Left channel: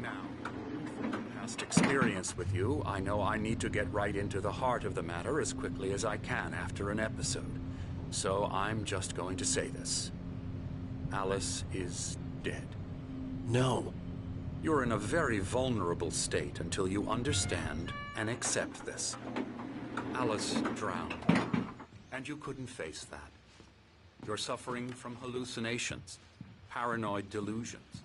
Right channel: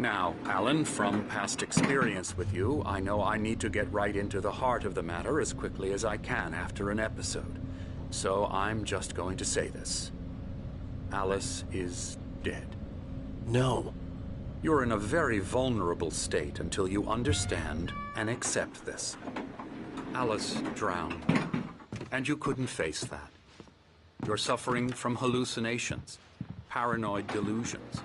Now, Alan, from past experience with you, I know I need to get right into the heart of the matter as quickly as I can after an episode. So I'm just going to say this. Alice is dead. No. You're in a very vulnerable state until you understand and accept this. Alice drowned, and you couldn't face that. You're suffering from hallucinations, paranoid delusions,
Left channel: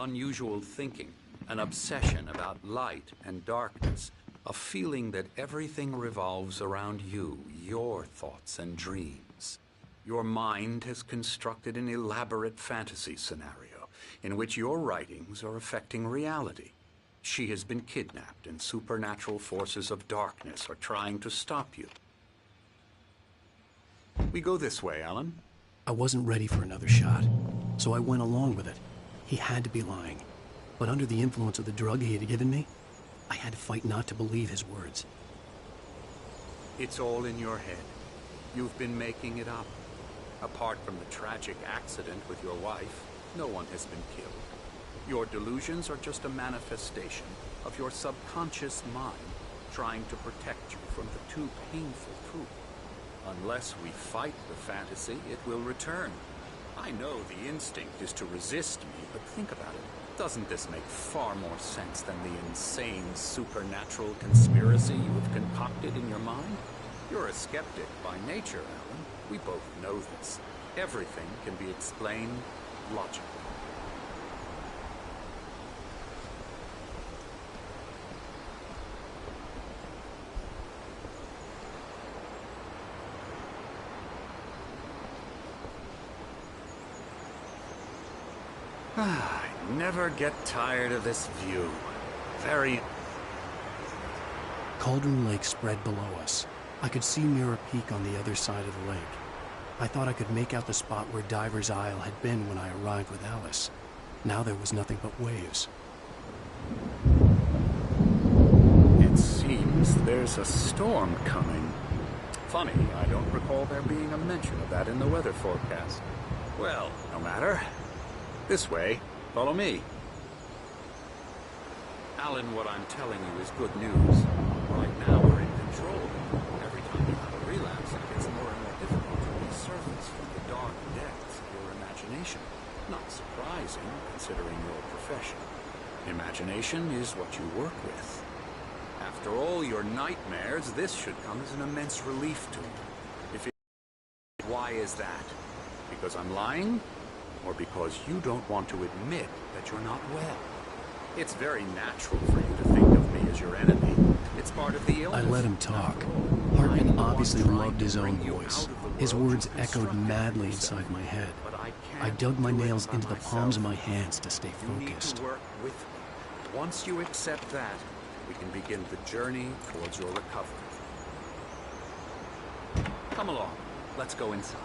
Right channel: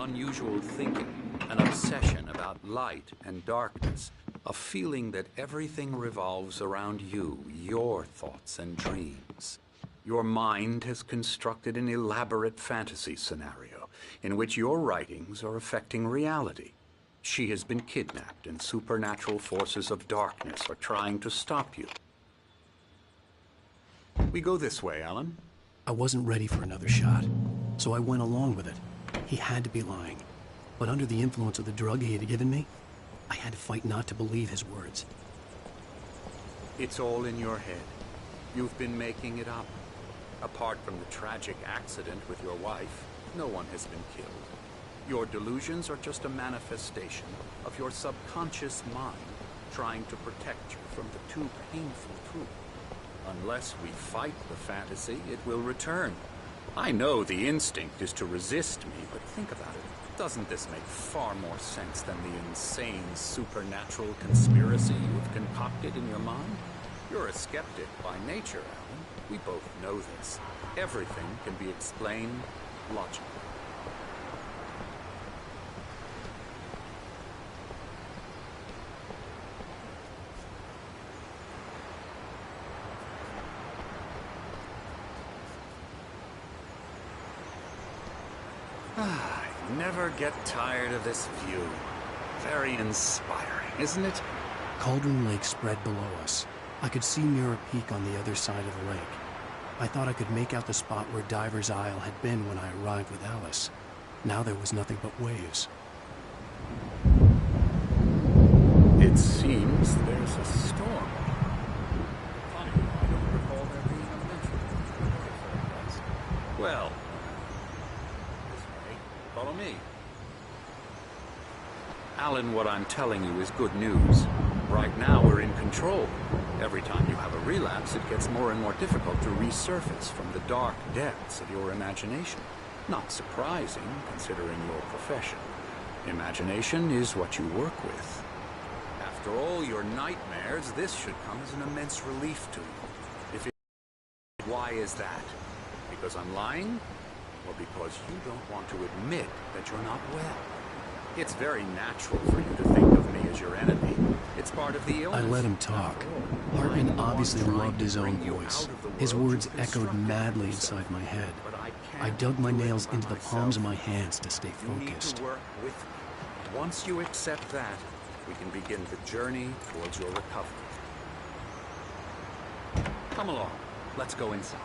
unusual thinking, an obsession about light and darkness, a feeling that everything revolves around you, your thoughts and dreams. Your mind has constructed an elaborate fantasy scenario in which your writings are affecting reality. She has been kidnapped and supernatural forces of darkness are trying to stop you. We go this way, Alan. I wasn't ready for another shot, so I went along with it. He had to be lying. But under the influence of the drug he had given me, I had to fight not to believe his words. It's all in your head. You've been making it up. Apart from the tragic accident with your wife, no one has been killed. Your delusions are just a manifestation of your subconscious mind trying to protect you from the too painful truth. Unless we fight the fantasy, it will return. I know the instinct is to resist me, but think about it. Doesn't this make far more sense than the insane supernatural conspiracy you have concocted in your mind? You're a skeptic by nature, Alan. We both know this. Everything can be explained logically. I never get tired of this view. Very inspiring, isn't it? Cauldron Lake spread below us. I could see Mirror Peak on the other side of the lake. I thought I could make out the spot where Diver's Isle had been when I arrived with Alice. Now there was nothing but waves. It seems there's a storm coming. Funny, I don't recall there being a mention of that in the weather forecast. Well, no matter. This way. Follow me. Alan, what I'm telling you is good news. Right now, we're in control. Every time you have a relapse, it gets more and more difficult to resurface from the dark depths of your imagination. Not surprising, considering your profession. Imagination is what you work with. After all your nightmares, this should come as an immense relief to you. Why is that? Because I'm lying? Or because you don't want to admit that you're not well? It's very natural for you to think of me as your enemy. It's part of the illness. I let him talk. Hartman obviously loved his own voice. His words echoed madly inside my head. I dug my nails into the palms of my hands to stay focused. You need to work with me. Once you accept that, we can begin the journey towards your recovery. Come along. Let's go inside.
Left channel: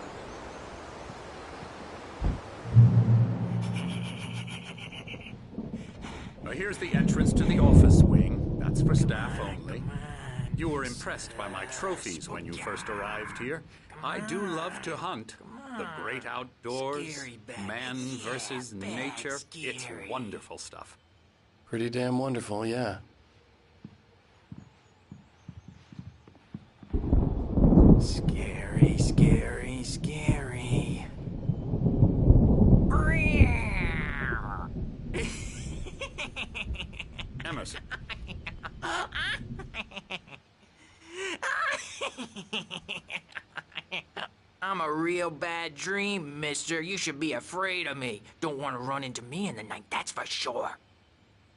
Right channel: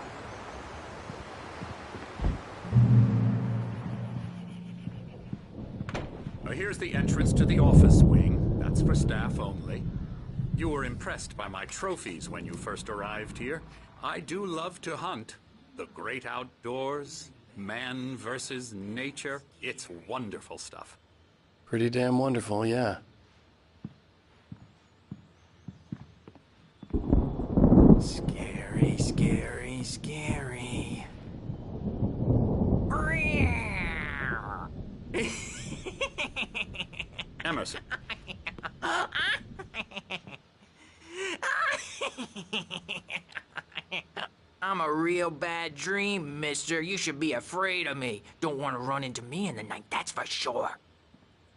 Here's the entrance to the office wing. That's for staff only. You were impressed by my trophies when you first arrived here. I do love to hunt. The great outdoors, man versus nature. It's wonderful stuff. Pretty damn wonderful, yeah. Scary, scary, scary. Emerson. I'm a real bad dream, mister. You should be afraid of me. Don't want to run into me in the night, that's for sure.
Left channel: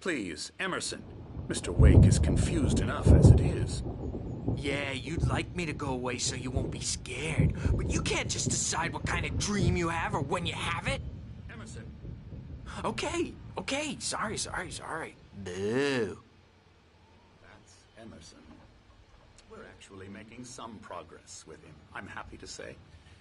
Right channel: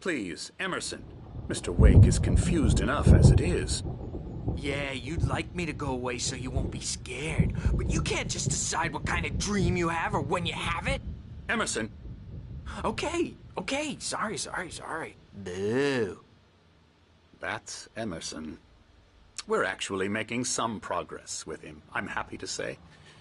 Please, Emerson. Mr. Wake is confused enough as it is. Yeah, you'd like me to go away so you won't be scared. But you can't just decide what kind of dream you have or when you have it. Emerson. Okay. Sorry. Boo. That's Emerson. We're actually making some progress with him, I'm happy to say.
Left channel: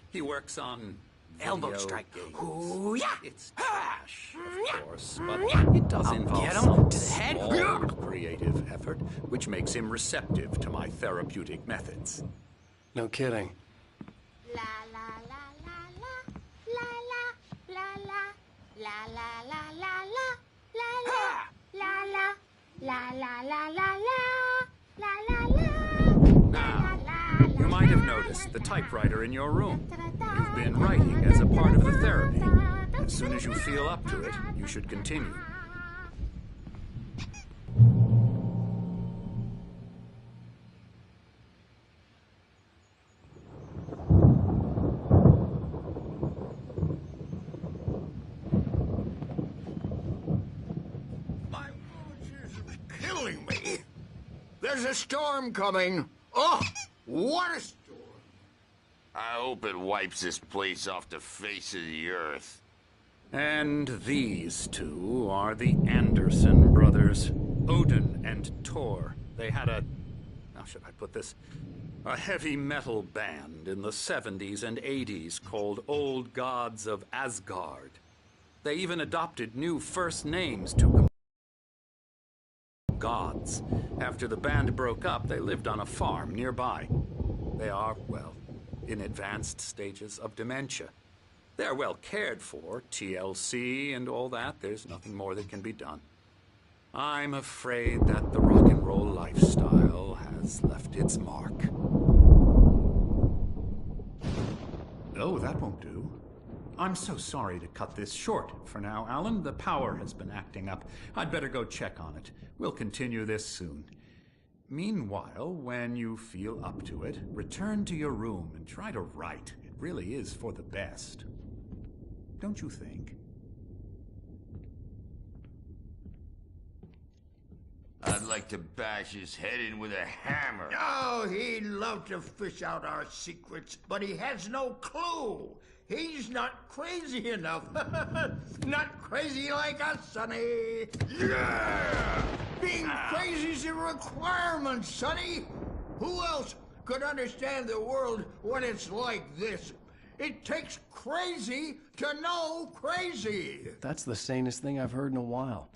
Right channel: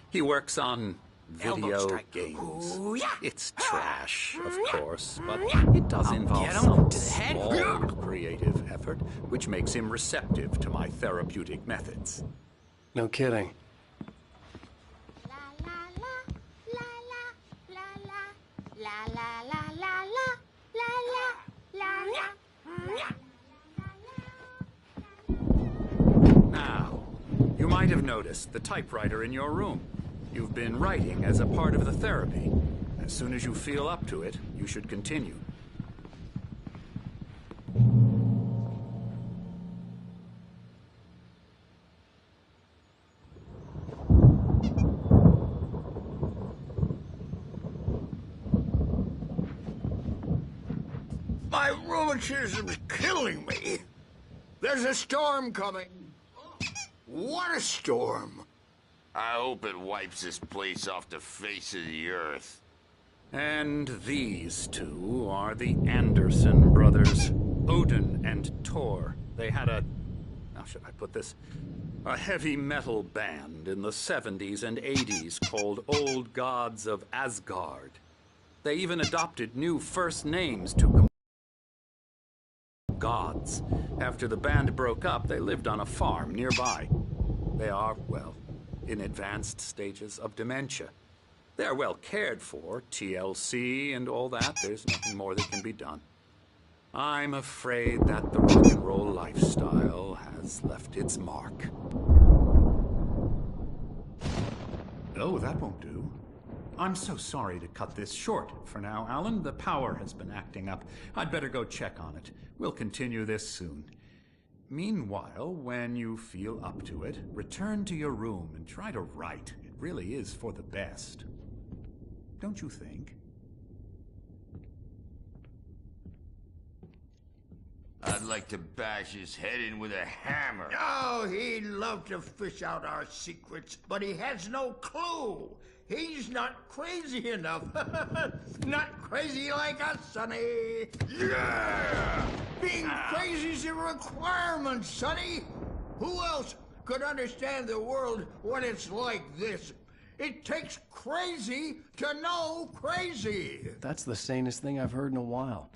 He works on video games. Ooh, yeah. It's trash, of course, but it does involve some small creative effort, which makes him receptive to my therapeutic methods. No kidding. La la la la la la la la la la la la la la la la La la la la la la la la. Now, you might have noticed the typewriter in your room. You've been writing as a part of the therapy. As soon as you feel up to it, you should continue. My rheumatism's killing me. There's a storm coming. Oh, what a storm. I hope it wipes this place off the face of the earth. And these two are the Anderson brothers, Odin and Thor. They had how should I put this? A heavy metal band in the 70s and 80s called Old Gods of Asgard. They even adopted new first names to gods. After the band broke up, they lived on a farm nearby. They are, well, in advanced stages of dementia. They're well cared for, TLC and all that. There's nothing more that can be done. I'm afraid that the rock and roll lifestyle has left its mark. Oh, that won't do. I'm so sorry to cut this short for now, Alan. The power has been acting up. I'd better go check on it. We'll continue this soon. Meanwhile, when you feel up to it, return to your room and try to write. It really is for the best. Don't you think? I'd like to bash his head in with a hammer. Oh, he'd love to fish out our secrets, but he has no clue. He's not crazy enough. Not crazy like us, Sonny. Yeah! Being crazy's a requirement, Sonny. Who else could understand the world when it's like this? It takes crazy to know crazy. That's the sanest thing I've heard in a while.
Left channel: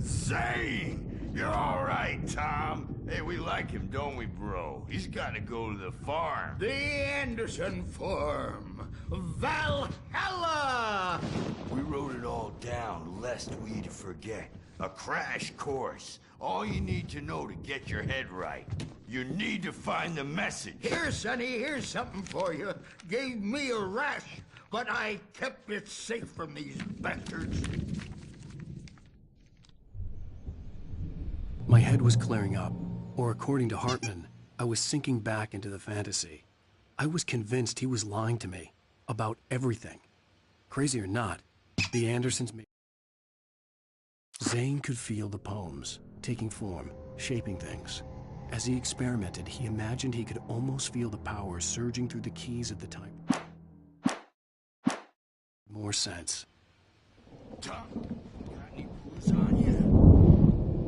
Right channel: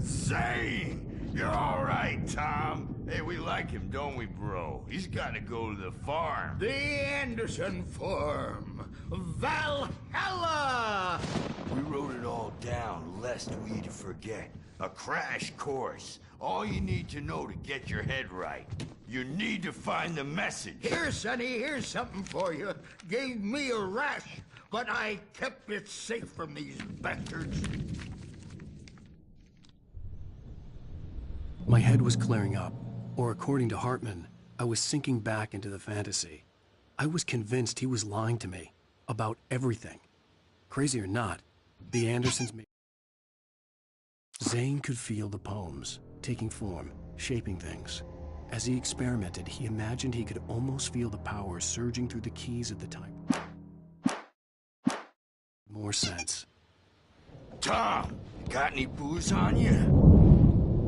Zane! You're all right, Tom. Hey, we like him, don't we, bro? He's got to go to the farm. The Anderson Farm. Valhalla! We wrote it all down, lest we forget. A crash course. All you need to know to get your head right. You need to find the message. Here, Sonny, here's something for you. Gave me a rash, but I kept it safe from these bastards. My head was clearing up, or according to Hartman, I was sinking back into the fantasy. I was convinced he was lying to me about everything. Crazy or not, the Andersons made... Zane could feel the poems, taking form, shaping things. As he experimented, he imagined he could almost feel the power surging through the keys of the type. More sense. Tom, got any booze on you?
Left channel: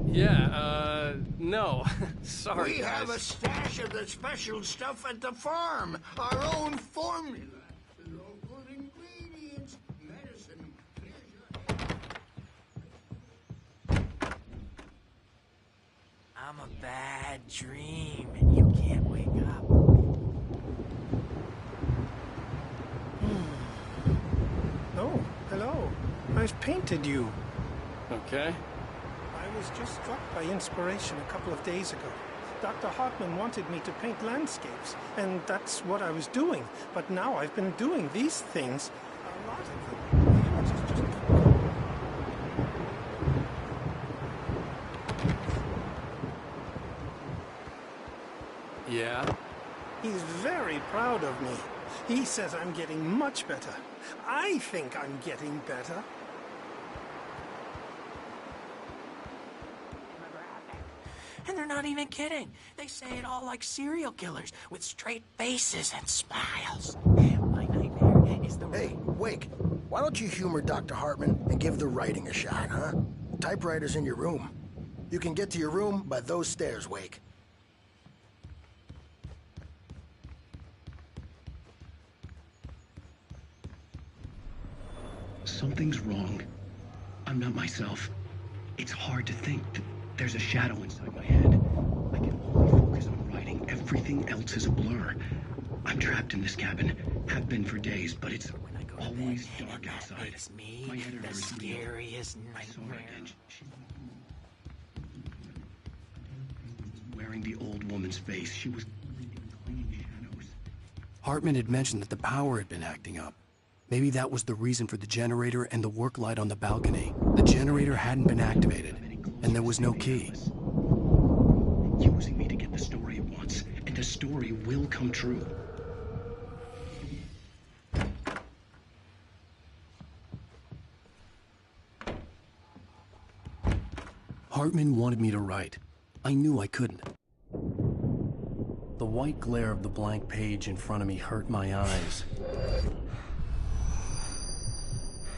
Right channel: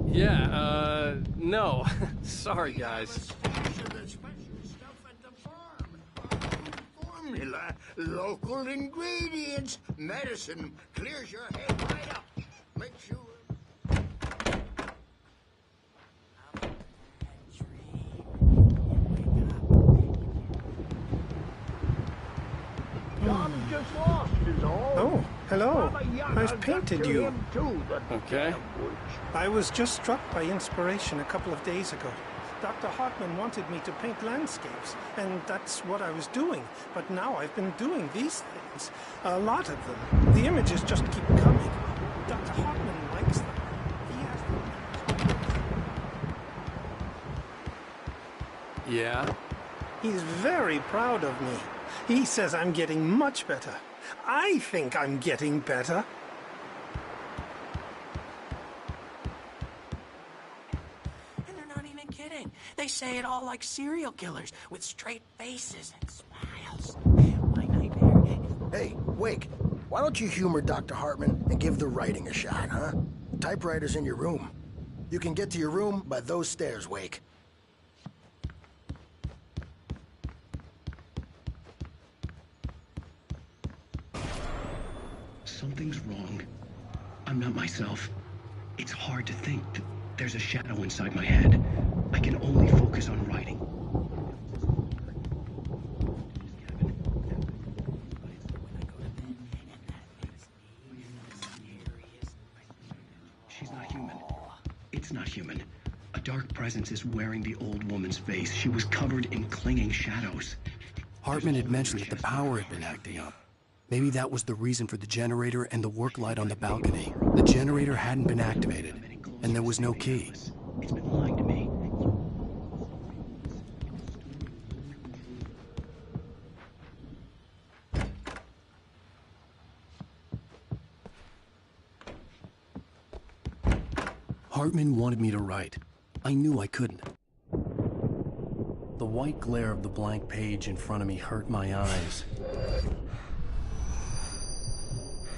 Yeah, no. Sorry, We guys. have a stash of the special stuff at the farm. Our own formula. Local ingredients. Medicine clears your head right up. Makes you... I'm a bad dream, and you can't wake up. Dr. Frost is all. Oh, hello. I've painted you. Okay. I was just struck by inspiration a couple of days ago. Dr. Hartman wanted me to paint landscapes, and that's what I was doing. But now I've been doing these things, a lot of them. The images just keep coming. Dr. Hartman likes them. He has them. Yeah? He's very proud of me. He says I'm getting much better. I think I'm getting better. And they're not even kidding. They say it all like serial killers with straight faces and smiles. My nightmare is the... Hey, Wake, why don't you humor Dr. Hartman and give the writing a shot, huh? Typewriter's in your room. You can get to your room by those stairs, Wake. Something's wrong. I'm not myself. It's hard to think that there's a shadow inside my head. I can only focus on writing. Everything else is a blur. I'm trapped in this cabin. Have been for days, but it's When I go to bed, always and dark that outside. makes me My the editor is scariest I saw nightmare. it, and dark presence is wearing the old woman's face. She was covered in clinging shadows. Hartman had mentioned that the power had been acting up. Maybe that was the reason for the generator and the work light on the balcony. The generator hadn't been activated, and there was no key. It's been lying to me, using me to get the story it wants, and the story will come true. Hartman wanted me to write. I knew I couldn't. The white glare of the blank page in front of me hurt my eyes.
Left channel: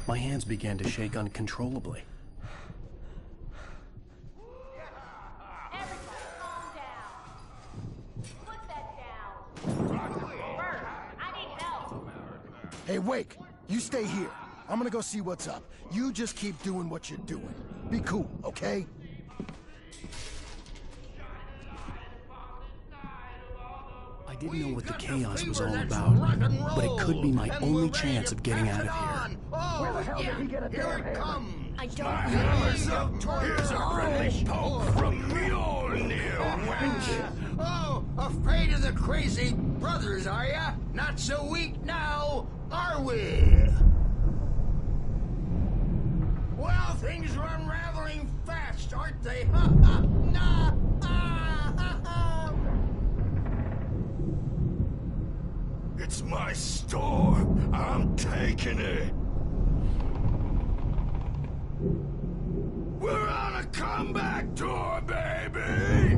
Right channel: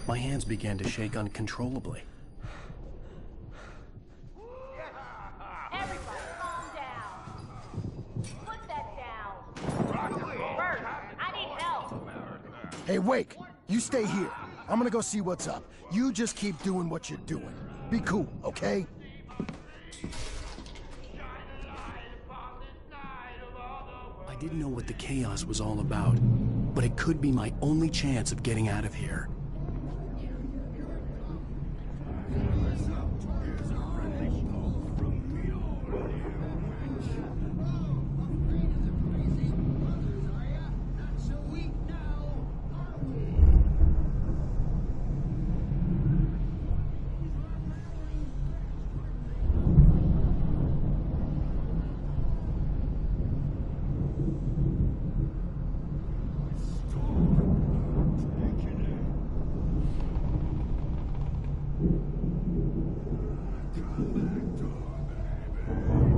My hands began to shake uncontrollably. Everybody, calm down. Put that down. Bert, I need help. Hey, Wake, you stay here. I'm gonna go see what's up. You just keep doing what you're doing. Be cool, okay? I didn't know what the chaos was all about, but it could be my only chance of getting out of here. Here it comes. I don't Here's a friendly poke from Mjolnir, wench. Oh, afraid of the crazy brothers, are ya? Not so weak now, are we? Well, things are unraveling fast, aren't they? Ha ha! Nah! Ah, ha, ha. It's my storm. I'm taking it. We're on a comeback tour, baby!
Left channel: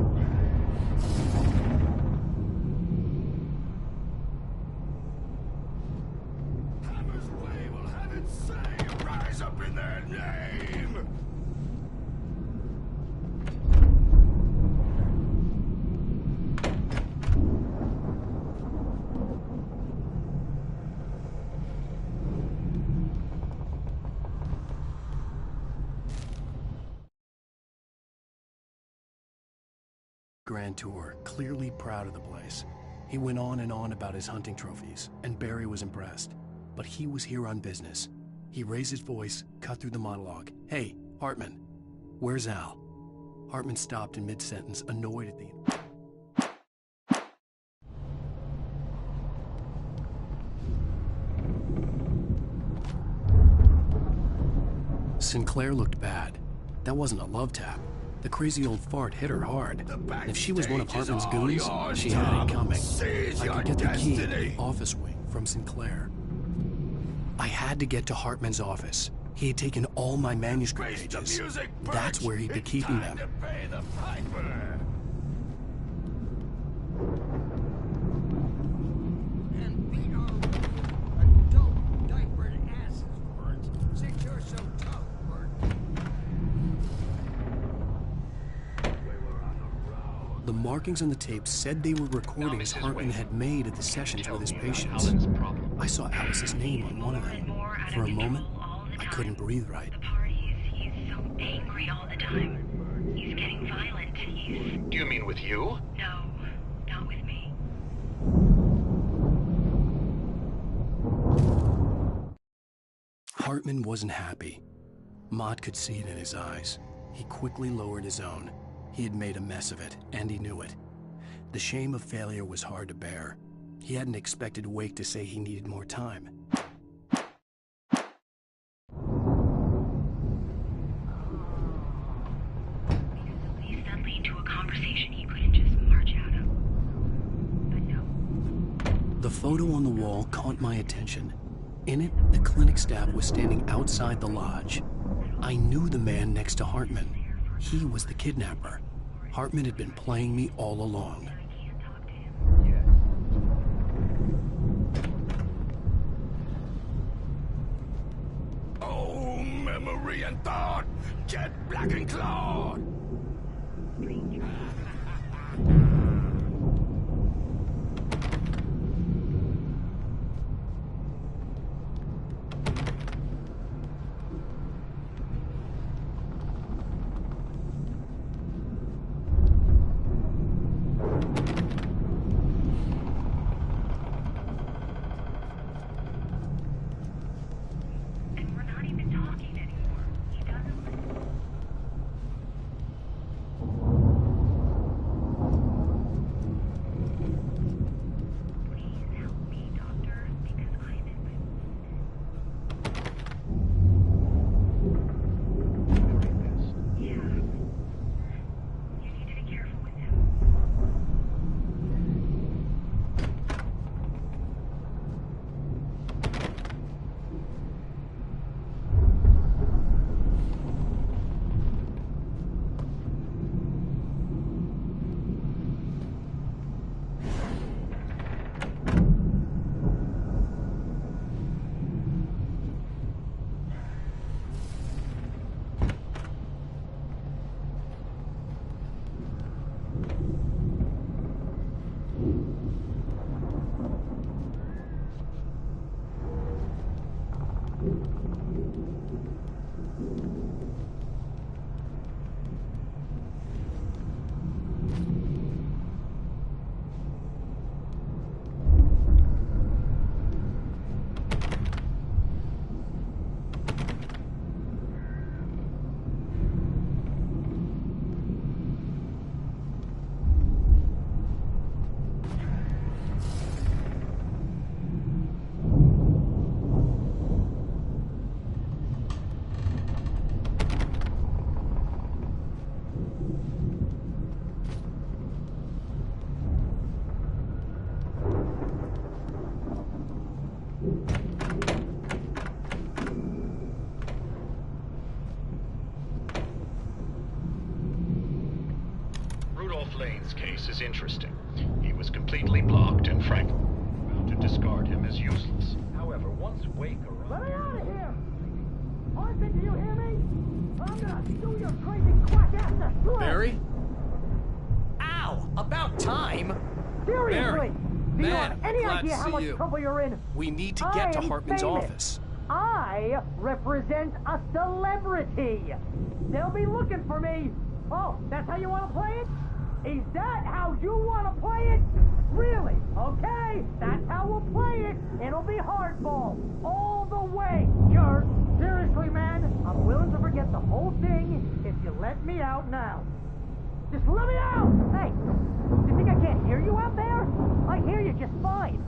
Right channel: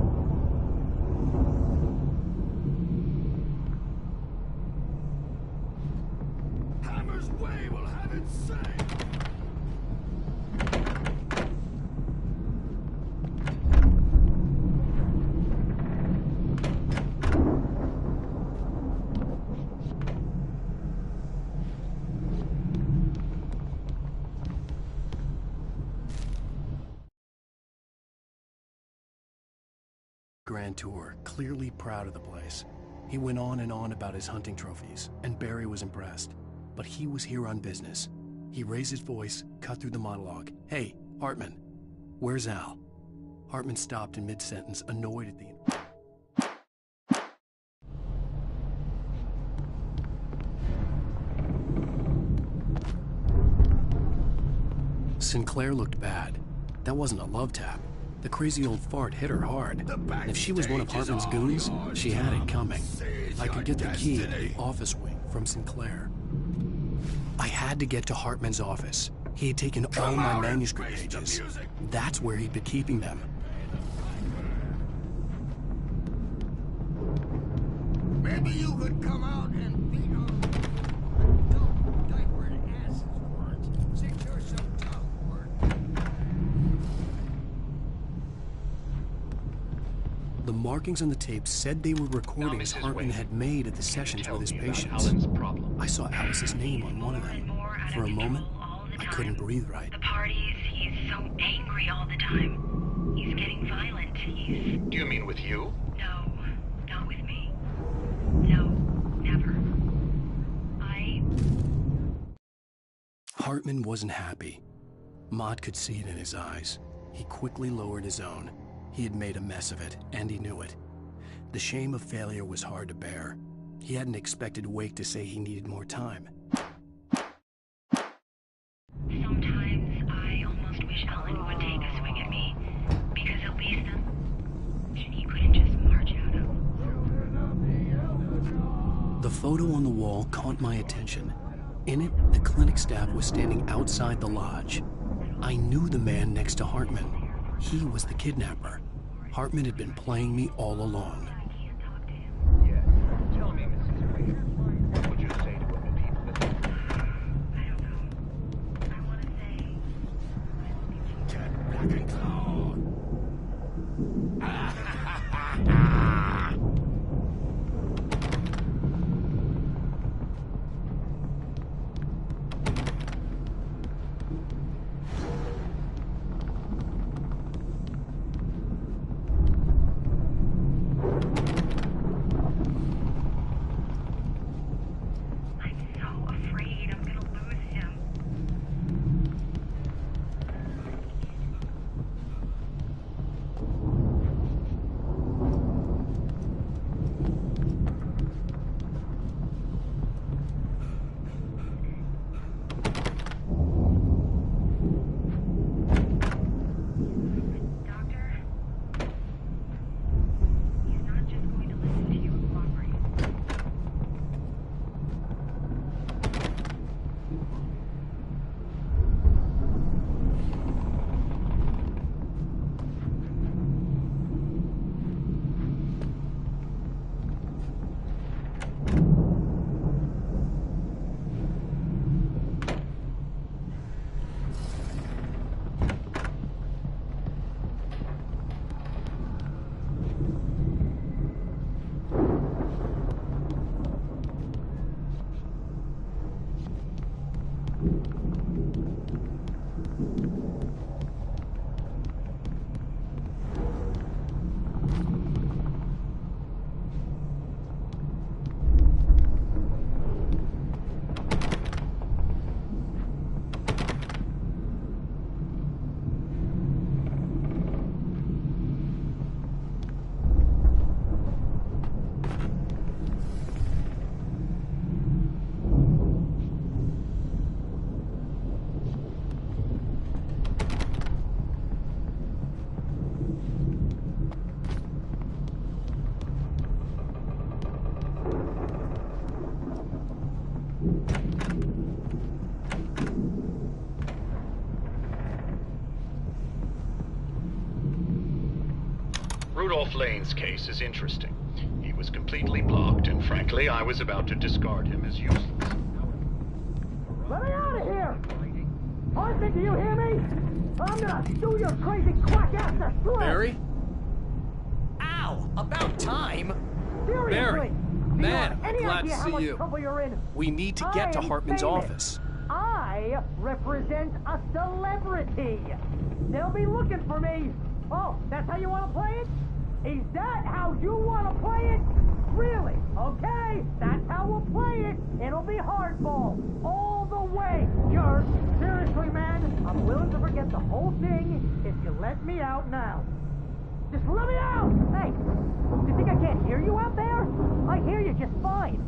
Hammer's Way will have its say rise up in their name! Grand Tour, clearly proud of the place. He went on and on about his hunting trophies, and Barry was impressed. But he was here on business. He raised his voice, cut through the monologue. Hey, Hartman, where's Al? Hartman stopped in mid-sentence, annoyed at the... Sinclair looked bad. That wasn't a love tap. The crazy old fart hit her hard. And if she was one of Hartman's goons, she had it coming. I could get the key to the office wing from Sinclair. I had to get to Hartman's office. He had taken all my manuscript pages. That's where he'd been keeping them. Maybe you could come out and beat our adult diapered asses for it, since you're so tough, Bert. The markings on the tape said they were recordings Hartman had made at the sessions with his patients. I saw Alice's name on one of them. For a moment, I couldn't breathe right. The parties, he's so angry all the time. He's getting violent. Do you mean with you? No, not with me. No, never. Hartman wasn't happy. Mott could see it in his eyes. He quickly lowered his own. He had made a mess of it, and he knew it. The shame of failure was hard to bear. He hadn't expected Wake to say he needed more time. Sometimes I almost wish Ellen would take a swing at me, because at least that'd lead to a conversation he couldn't just march out of. The photo on the wall caught my attention. In it, the clinic staff was standing outside the lodge. I knew the man next to Hartman. He was the kidnapper. Hartman had been playing me all along. Oh, memory and thought, jet black and clawed. Rudolph Lane's case is interesting. He was completely blocked, and frankly, I was about to discard him as useless. However, once Wake arrived... Let me out of here! Hartman, do you hear me? I'm gonna sue your crazy quack-ass to shreds! Barry? Ow! About time! Seriously! Barry! Do you Man, have any glad idea to how see much you. trouble you're in? We need to get to I'm Hartman's famous. office. I represent a celebrity. They'll be looking for me. Oh, that's how you want to play it? Is that how you want to play it? Really? Okay, that's how we'll play it. It'll be hardball all the way, jerk. Seriously, man, I'm willing to forget the whole thing if you let me out now. Just let me out! Hey, do you think I can't hear you out there? I hear you just fine.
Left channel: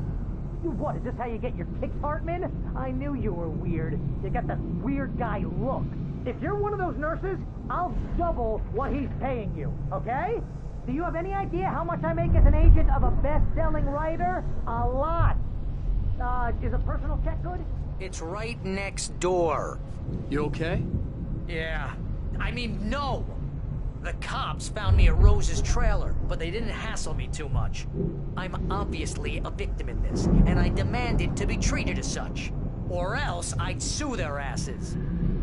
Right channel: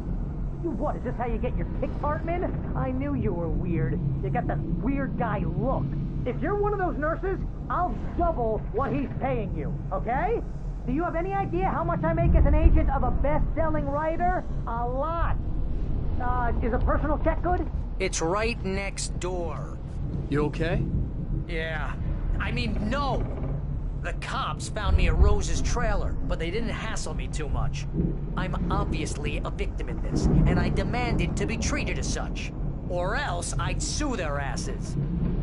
You what, is this how you get your kicks, Hartman? I knew you were weird. You got that weird guy look. If you're one of those nurses, I'll double what he's paying you, okay? Do you have any idea how much I make as an agent of a best-selling writer? A lot. Is a personal check good? It's right next door. You okay? Yeah. I mean, no! The cops found me at Rose's trailer, but they didn't hassle me too much. I'm obviously a victim in this, and I demanded to be treated as such. Or else I'd sue their asses.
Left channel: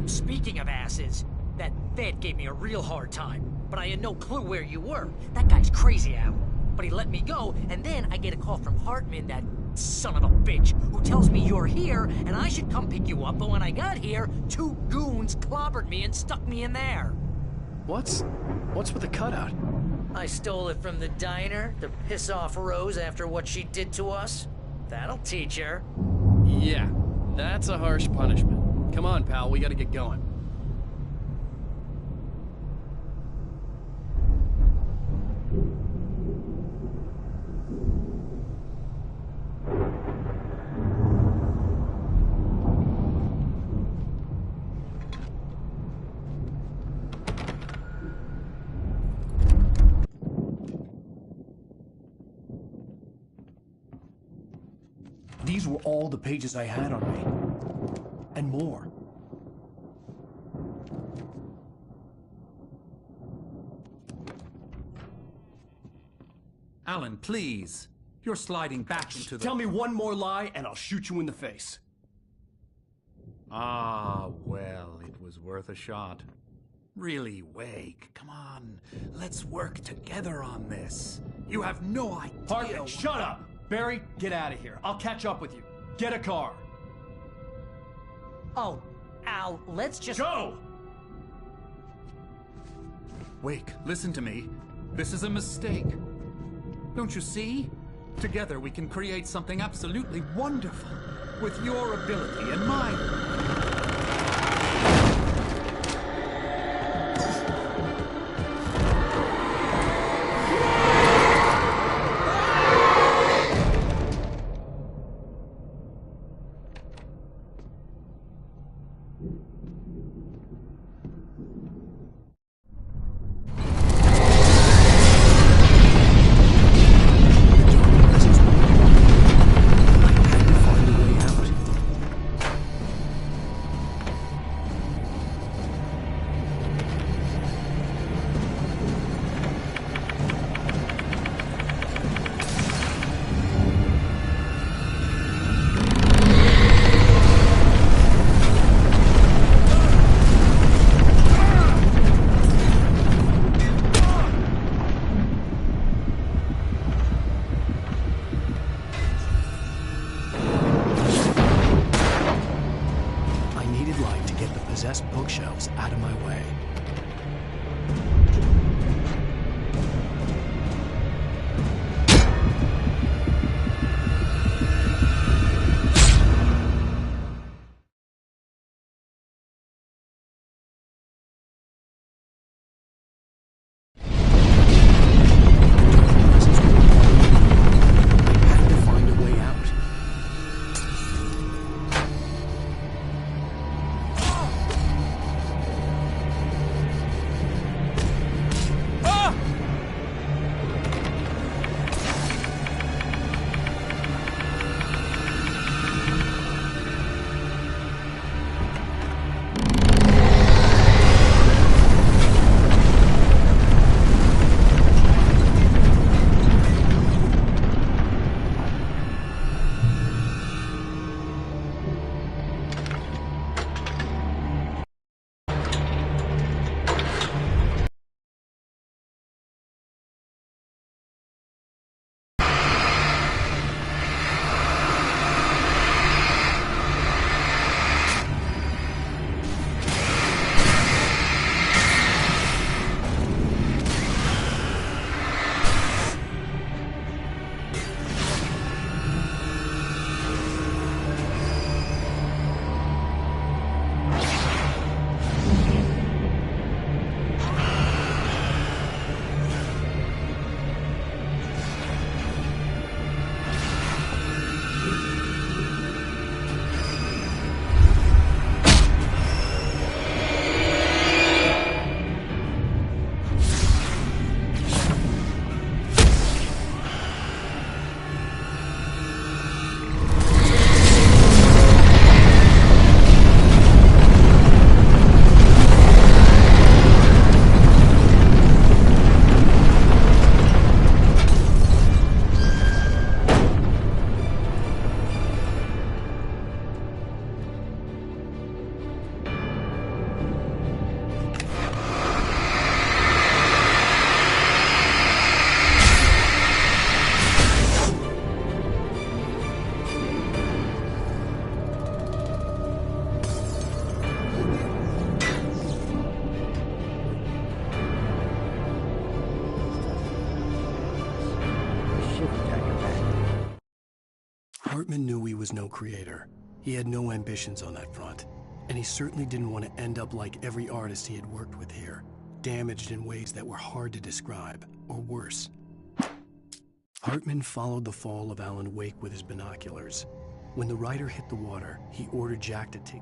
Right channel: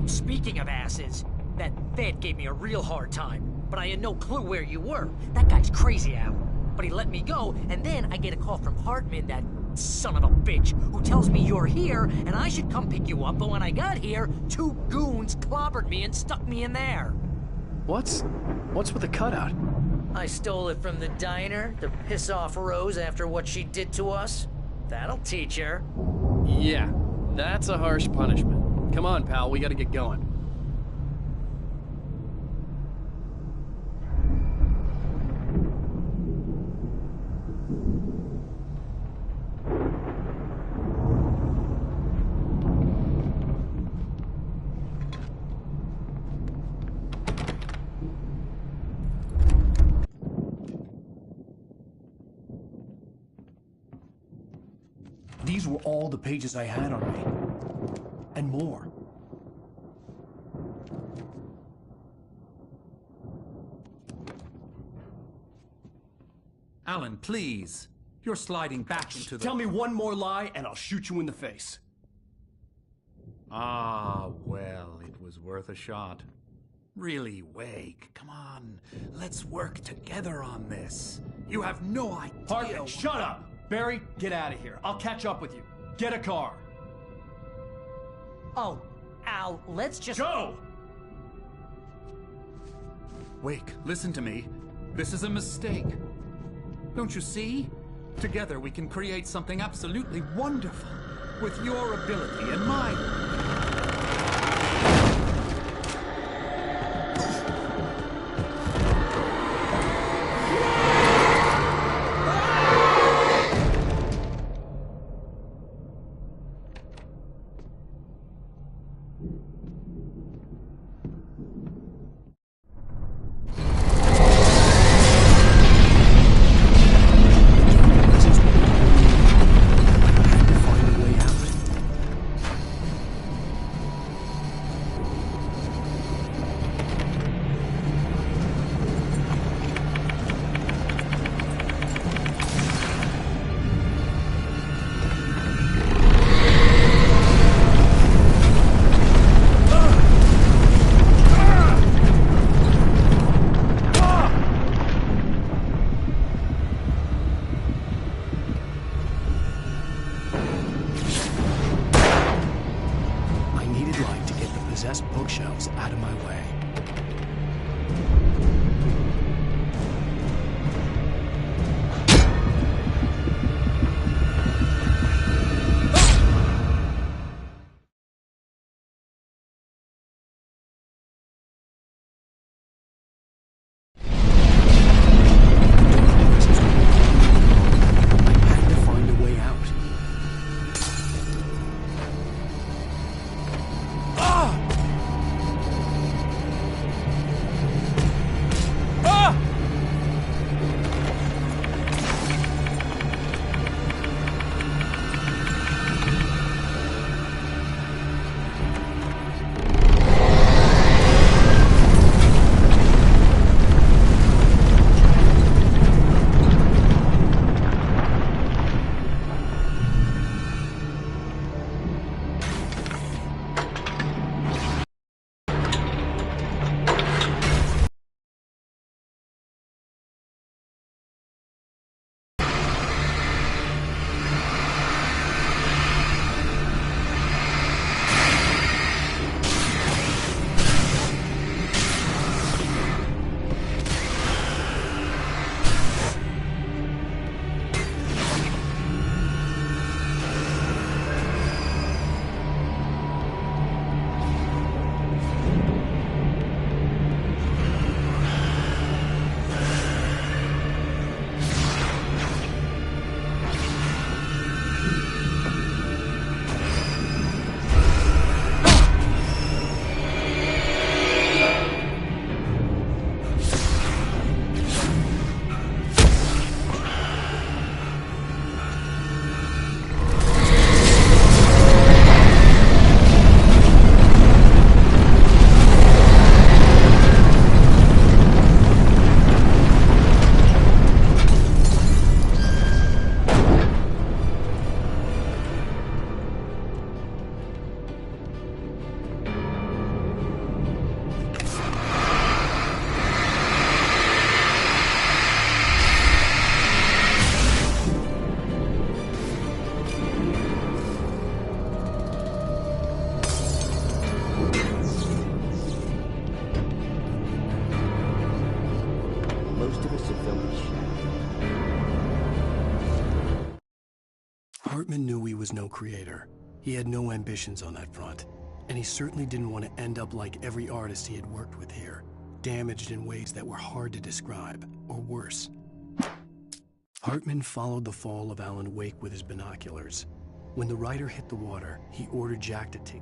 Speaking of asses, that vet gave me a real hard time, but I had no clue where you were. That guy's crazy, Al. But he let me go, and then I get a call from Hartman, that son of a bitch, who tells me you're here, and I should come pick you up, but when I got here, 2 goons clobbered me and stuck me in there. What's with the cutout? I stole it from the diner to piss off Rose after what she did to us. That'll teach her. Yeah, that's a harsh punishment. Come on, pal, we gotta get going. These were all the pages I had on me. And more. Alan, please. You're sliding back into the... Tell me one more lie and I'll shoot you in the face. Ah, well, it was worth a shot. Really, Wake, come on. Let's work together on this. You have no idea... Hartman, shut up! Barry, get out of here. I'll catch up with you. Get a car. Oh, Al, let's just... Go! Wake, listen to me. This is a mistake. Don't you see? Together we can create something absolutely wonderful. With your ability and mine. Possessed bookshelves out of my way. Hartman knew he was no creator. He had no ambitions on that front. And he certainly didn't want to end up like every artist he had worked with here, damaged in ways that were hard to describe, or worse. Hartman followed the fall of Alan Wake with his binoculars. When the rider hit the water, he ordered Jack to take...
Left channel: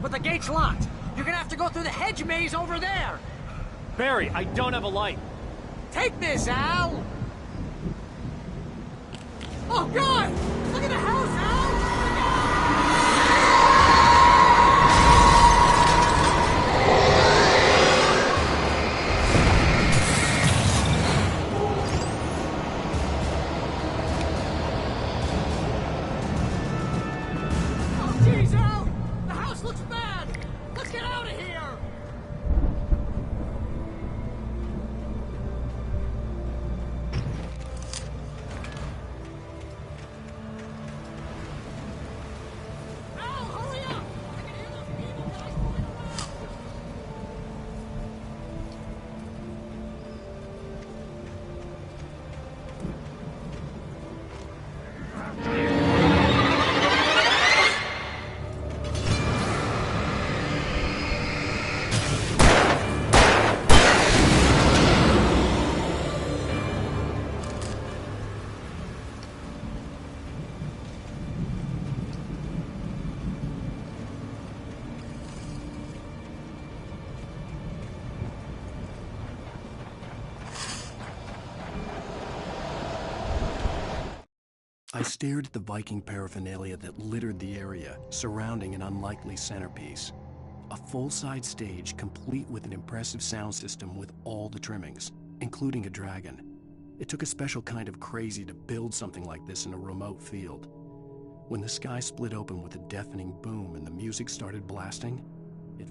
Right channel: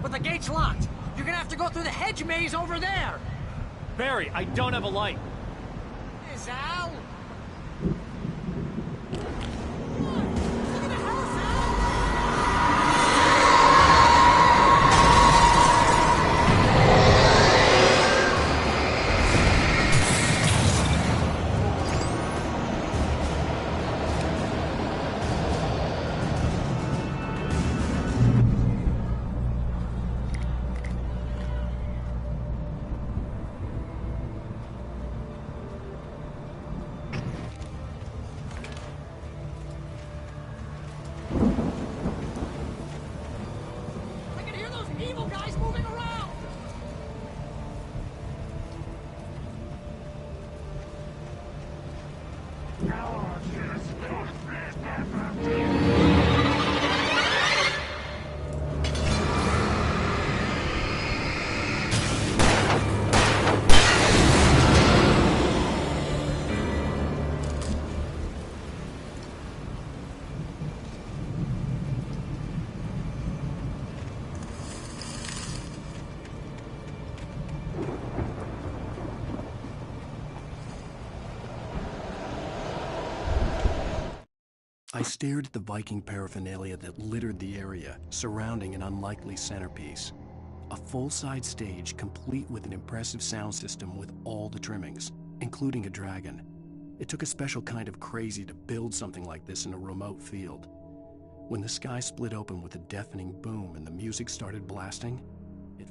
But the gate's locked. You're gonna have to go through the hedge maze over there. Barry, I don't have a light. Take this, Al. Oh, God! Look at the house, Al! I stared at the Viking paraphernalia that littered the area, surrounding an unlikely centerpiece. A full-size stage complete with an impressive sound system with all the trimmings, including a dragon. It took a special kind of crazy to build something like this in a remote field. When the sky split open with a deafening boom and the music started blasting, it...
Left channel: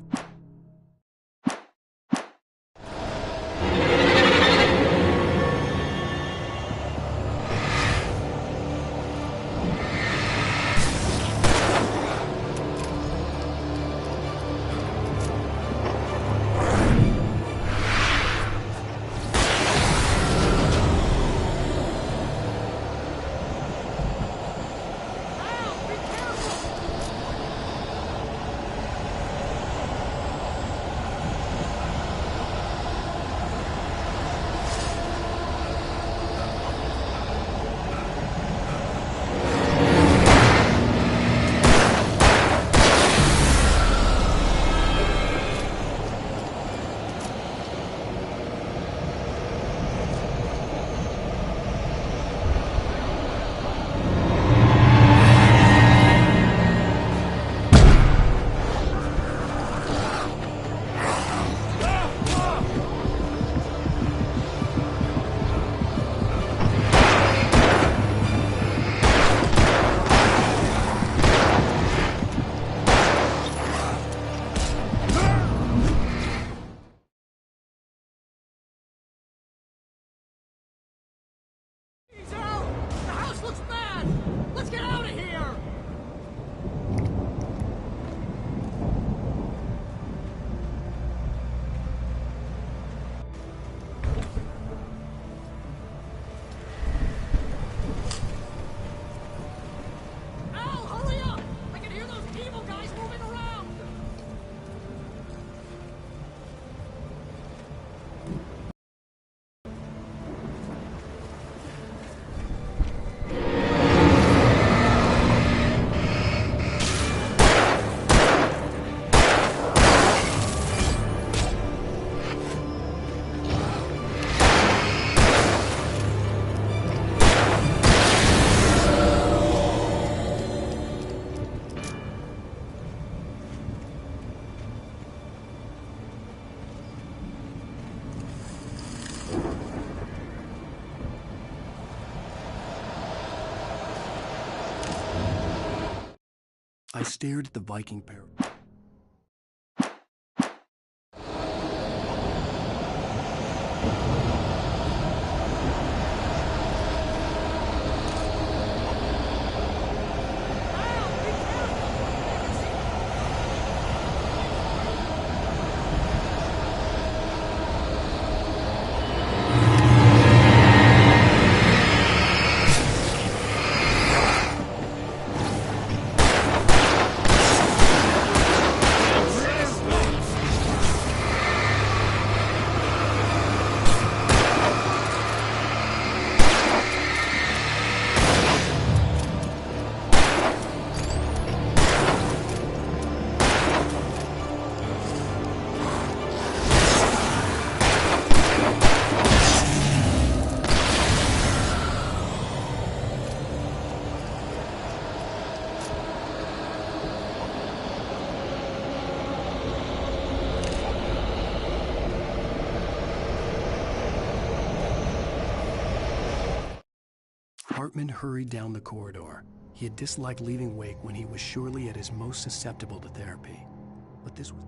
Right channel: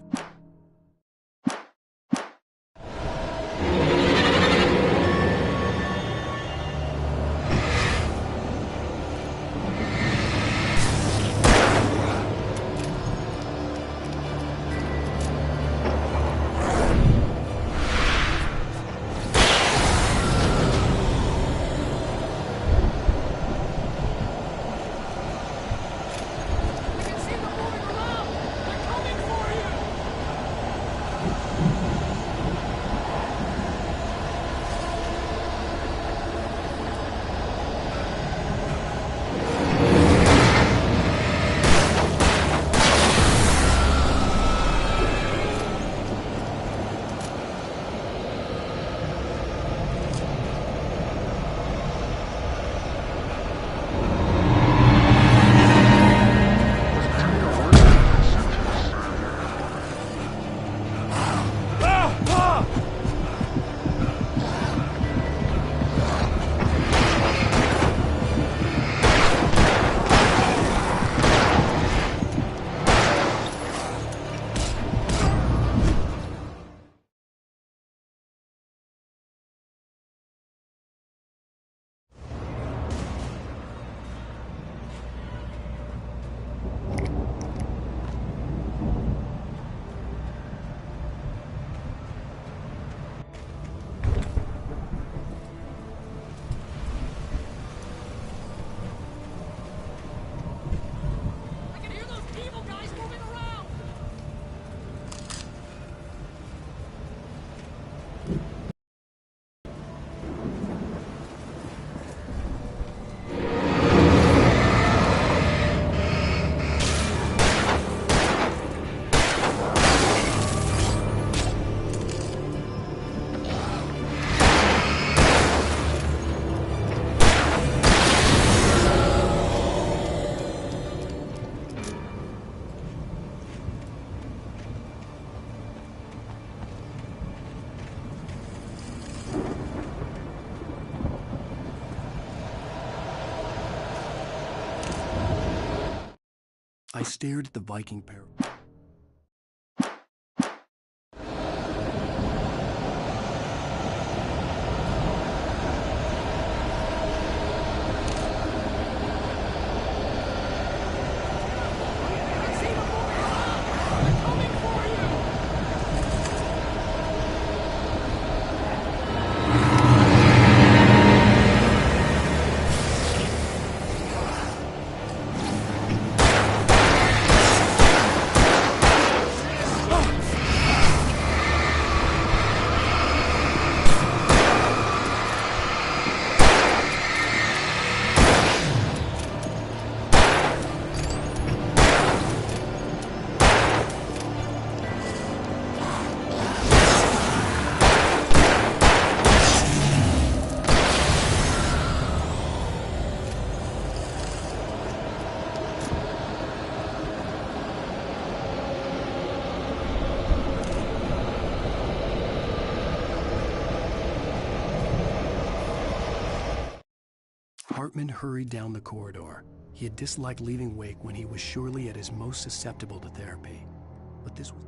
I stared at the Viking pair. Hartman hurried down the corridor. He had disliked leaving Wake when he was surely at his most susceptible to therapy. But this was...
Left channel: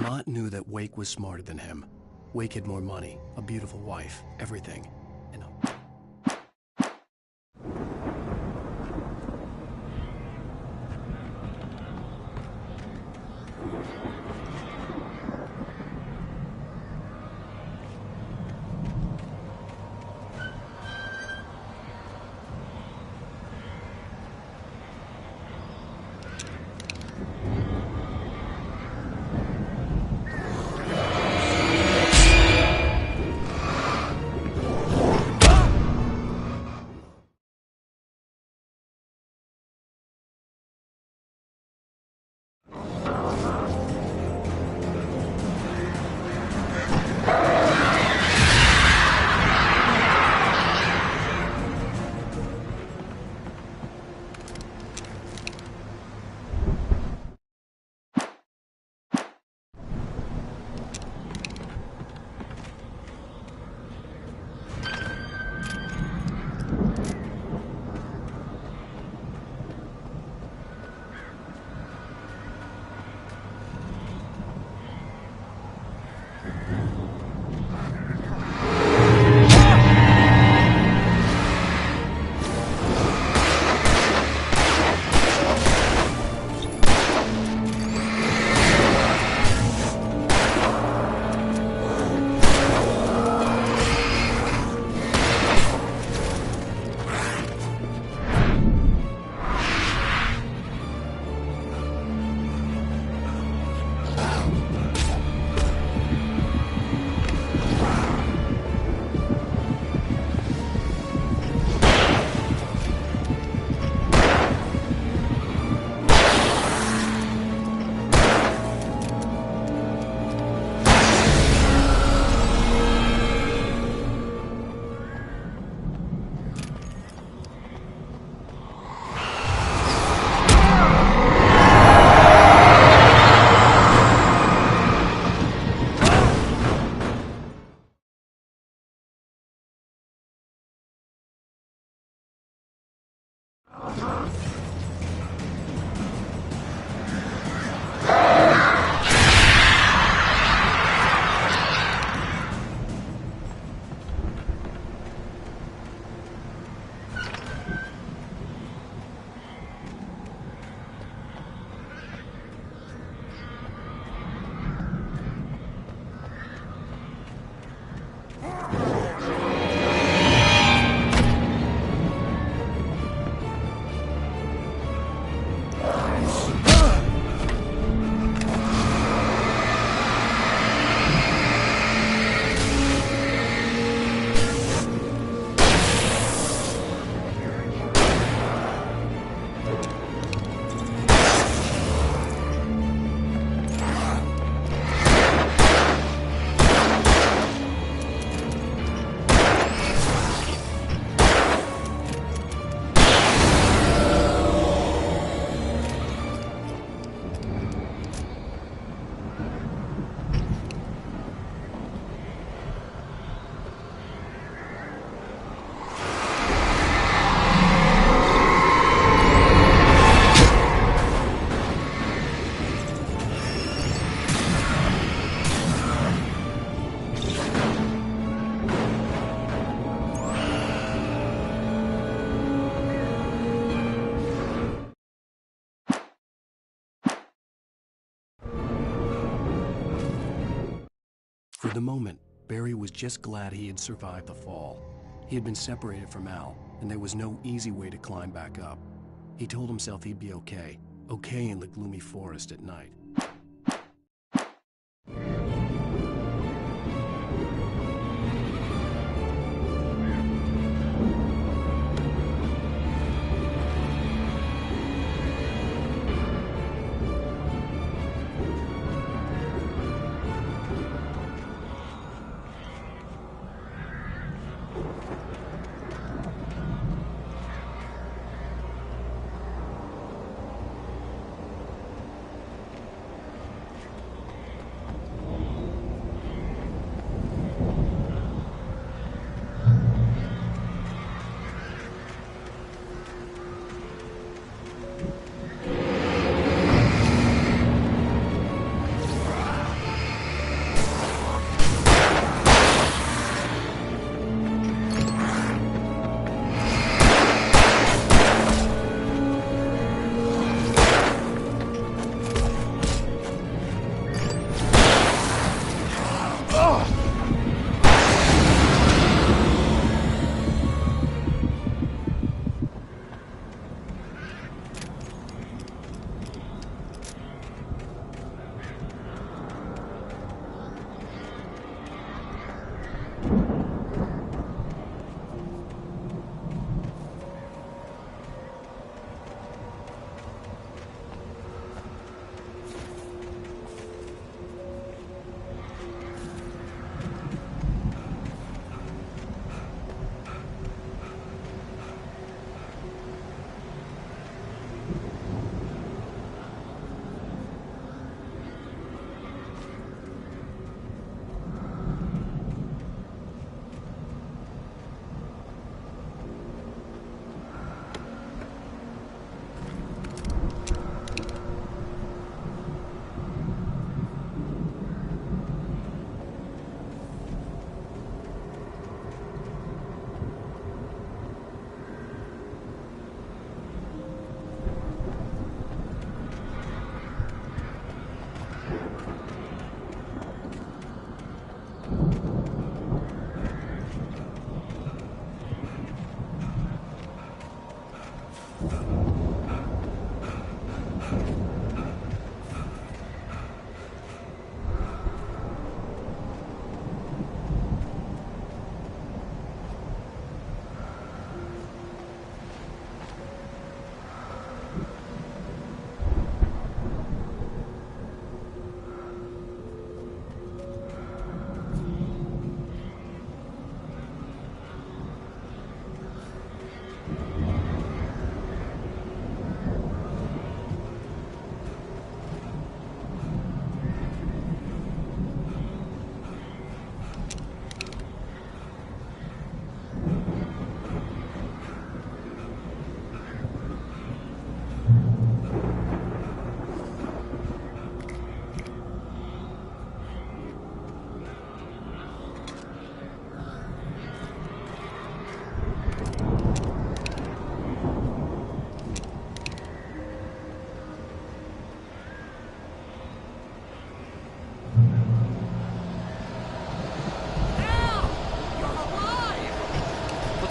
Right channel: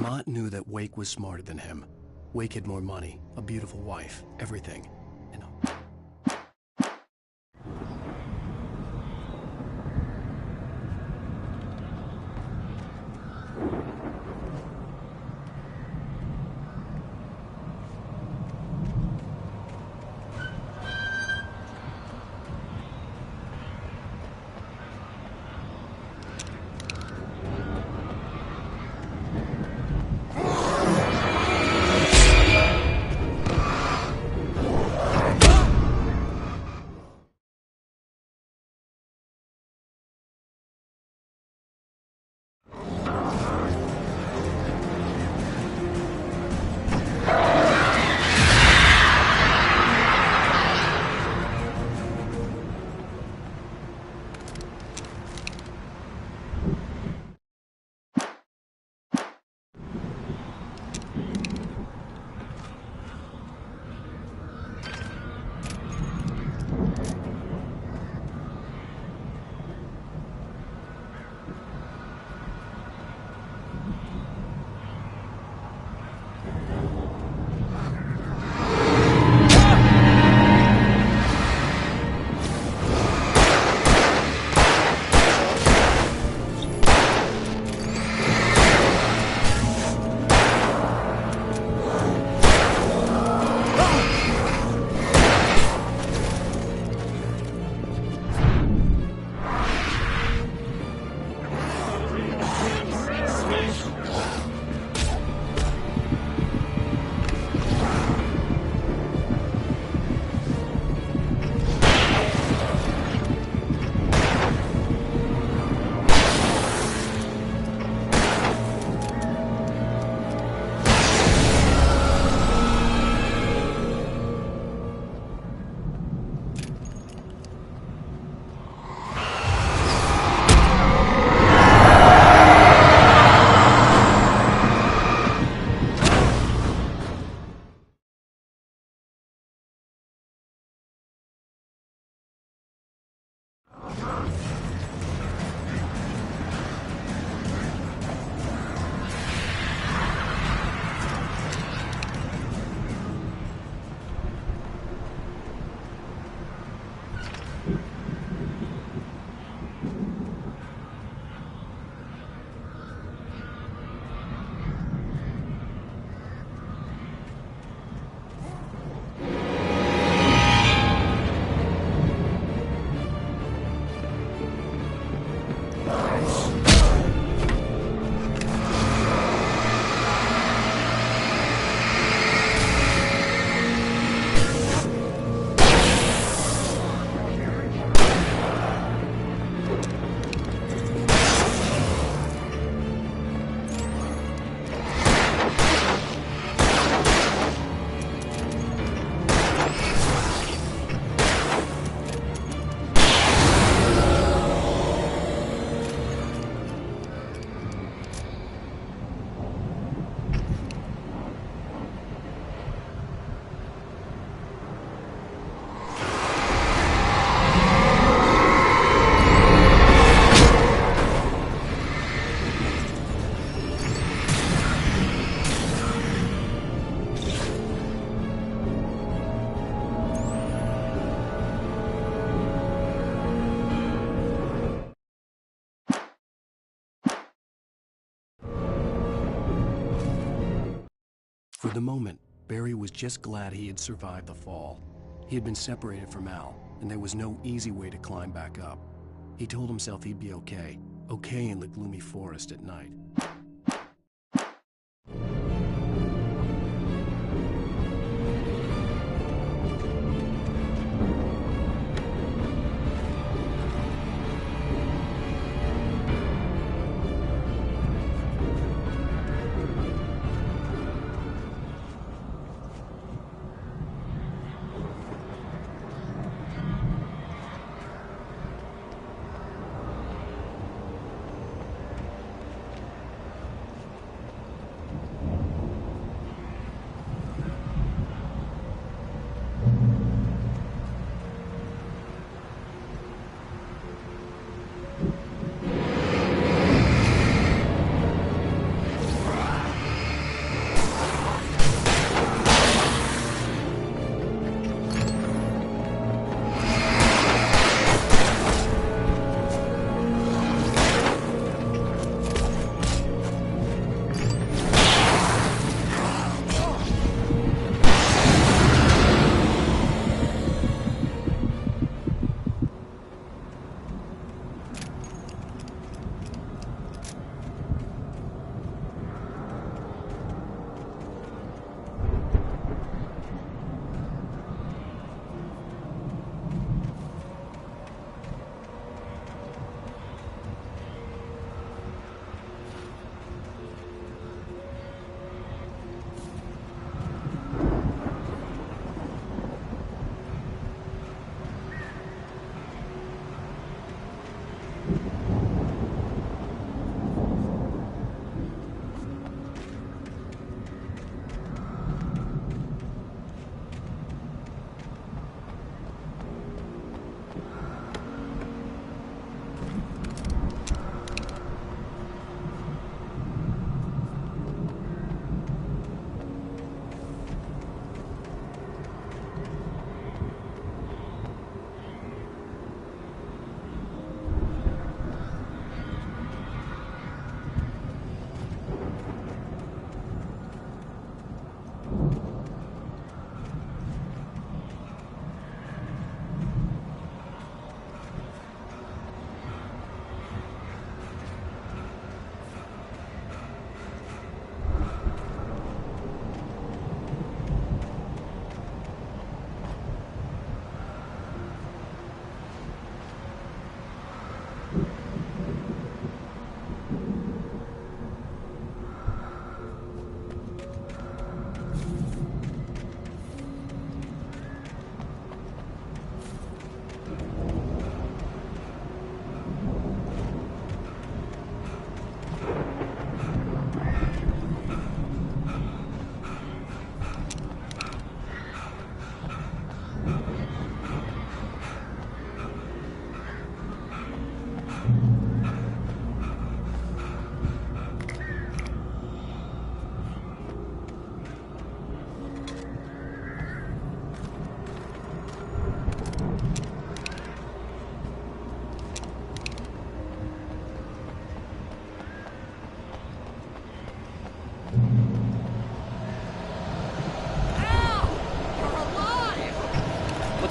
Mott knew that Wake was smarter than him. Wake had more money, a beautiful wife, everything. And for the moment, Barry was just glad he had survived the fall. He had been separated from Al, and there was no easy way to climb back up. He told himself he'd be okay in the gloomy forest at night.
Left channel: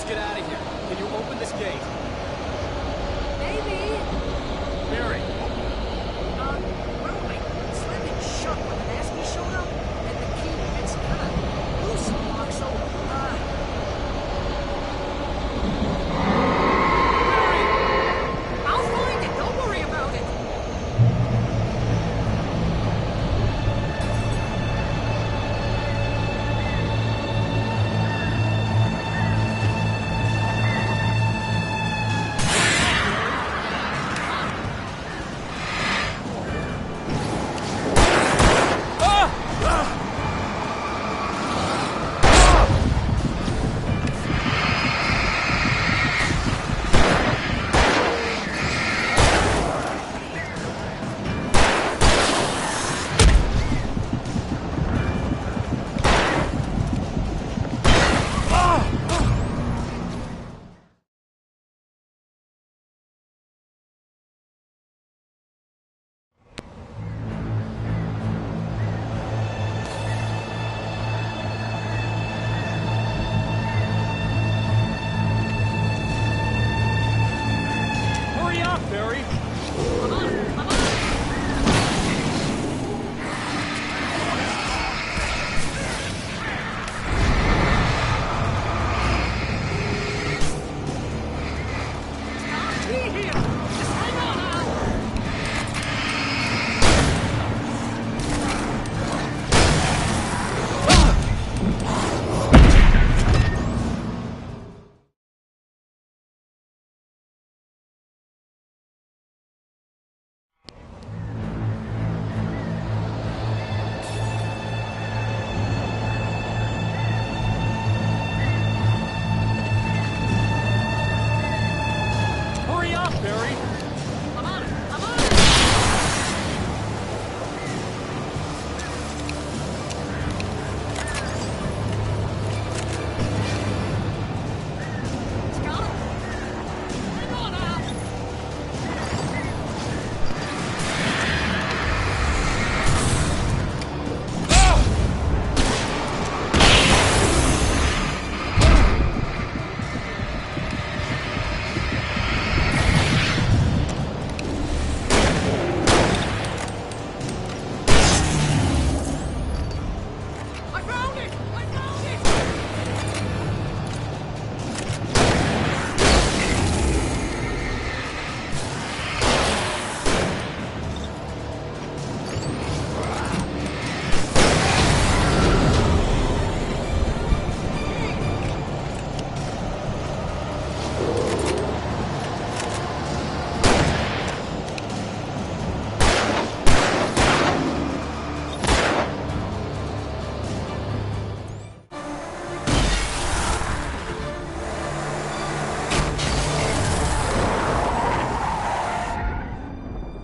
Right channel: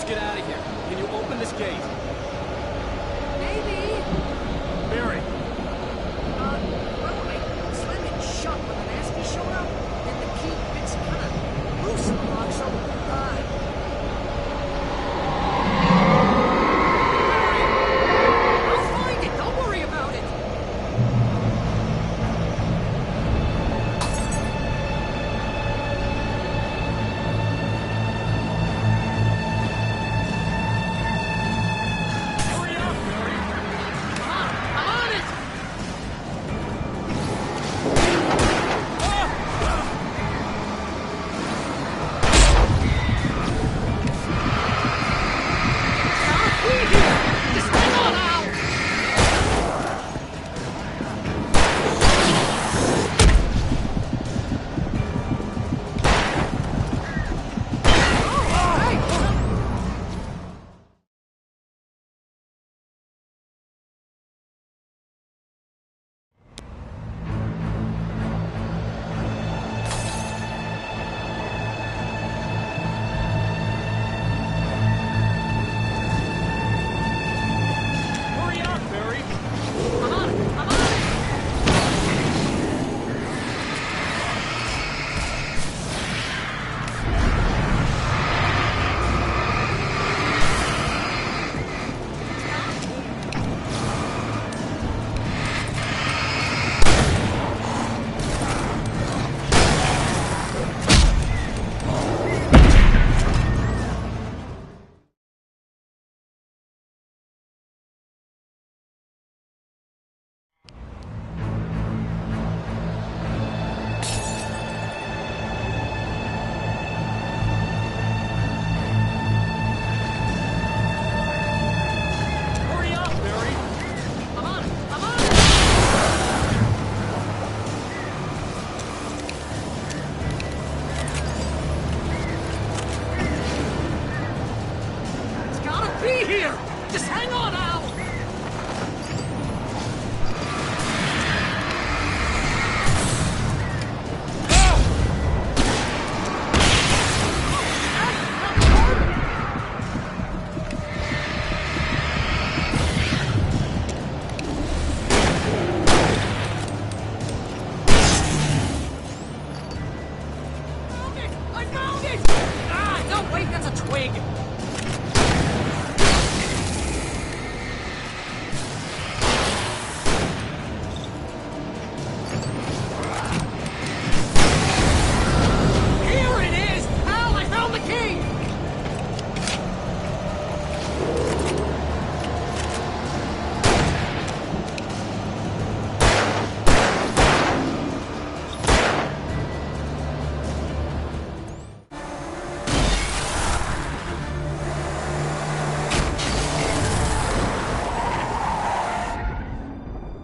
get out of here. Can you open this gate? Maybe. Barry. Well, I slammed it shut when the nasty showed up, and the key fits kind of loose in the lock, so, I'll find it. Don't worry about it. Hurry up, Barry! I'm on it. I'm on it. Hurry up, Barry! I'm on it. I'm on it. It's gotta be here. Just hang on, Al. I found it! I found it! Ah, no, wait, that's a twig. Here it is! Al, I found the key!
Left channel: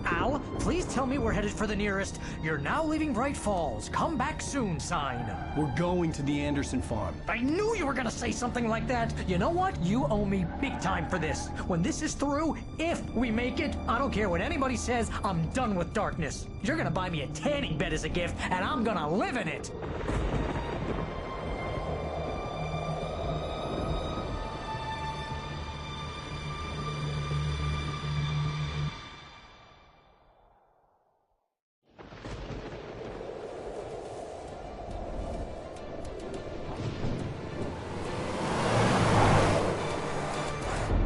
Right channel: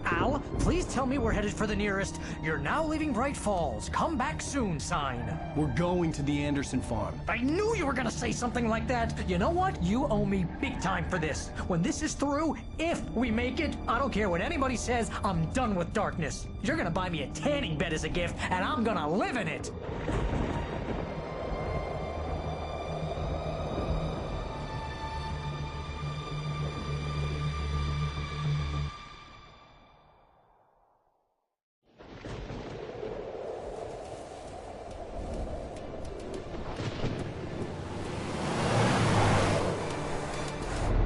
Al, please tell me we're headed for the nearest "You're now leaving Bright Falls. Come back soon" sign. We're going to the Anderson farm. I knew you were gonna say something like that. You know what? You owe me big time for this. When this is through, if we make it, I don't care what anybody says, I'm done with darkness. You're gonna buy me a tanning bed as a gift, and I'm gonna live in it.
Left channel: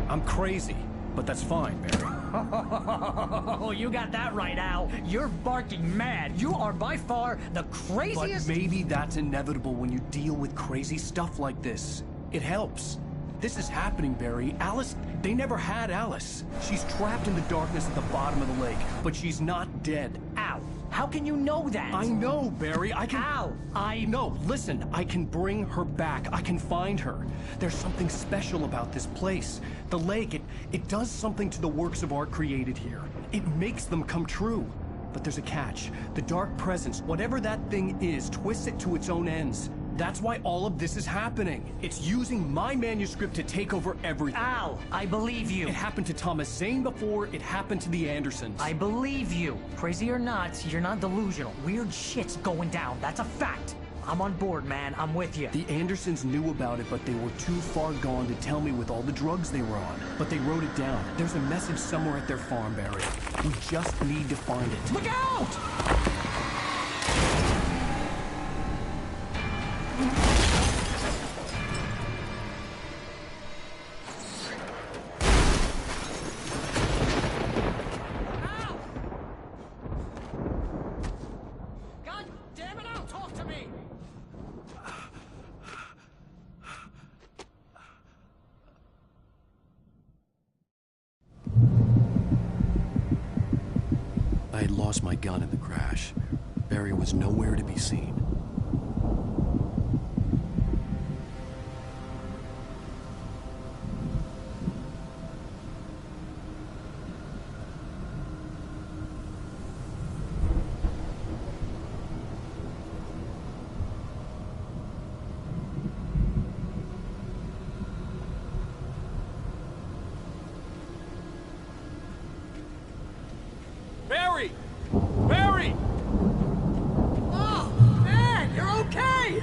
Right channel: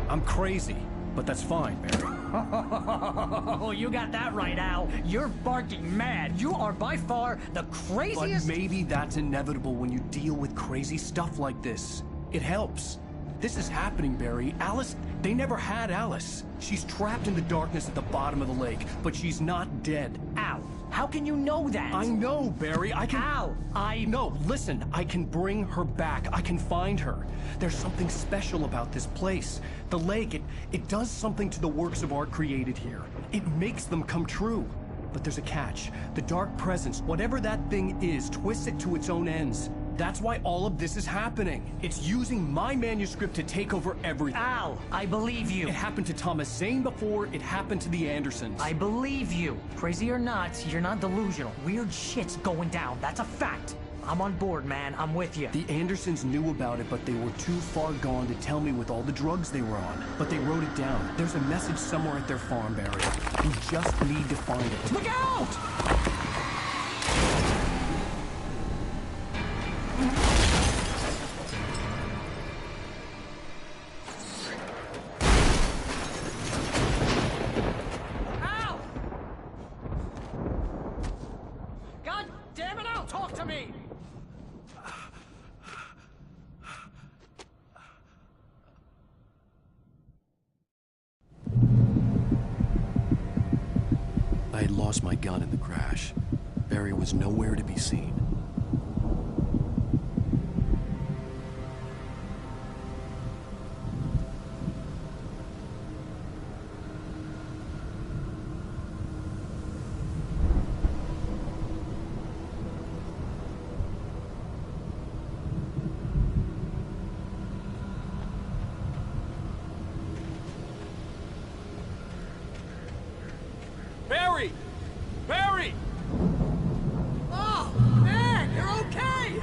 I'm crazy, but that's fine, Barry. Oh, you got that right, Al. You're barking mad. You are by far the But craziest. maybe that's inevitable when you deal with crazy stuff like this. It helps. This is happening, Barry. Alice, they never had Alice. She's trapped in the darkness at the bottom of the lake, but she's not dead. Al, how can you know that? I know, Barry. I can... Al, No, listen. I can bring her back. I can find her. There's something special about this place. The lake, it does something to the works of art created here. It makes them come true. But there's a catch. The dark presence, whatever that thing is, twists it to its own ends. That's why all of this is happening. It's using my manuscript to take over everything. Al, I believe you. It happened to Thomas Zane before, it happened to the Andersons. I believe you. Crazy or not, you're not delusional. Weird shit's going down. That's a fact. I'm on board, man. I'm with you. The Andersons knew about it, but they were too far gone to tell me with all the drugs they were on. But they wrote it down. There's a message somewhere at their farm, Barry. We just need to find it. Look out! I had lost my gun in the crash. Barry was nowhere to be seen. Barry! Barry! Oh, man, you're okay!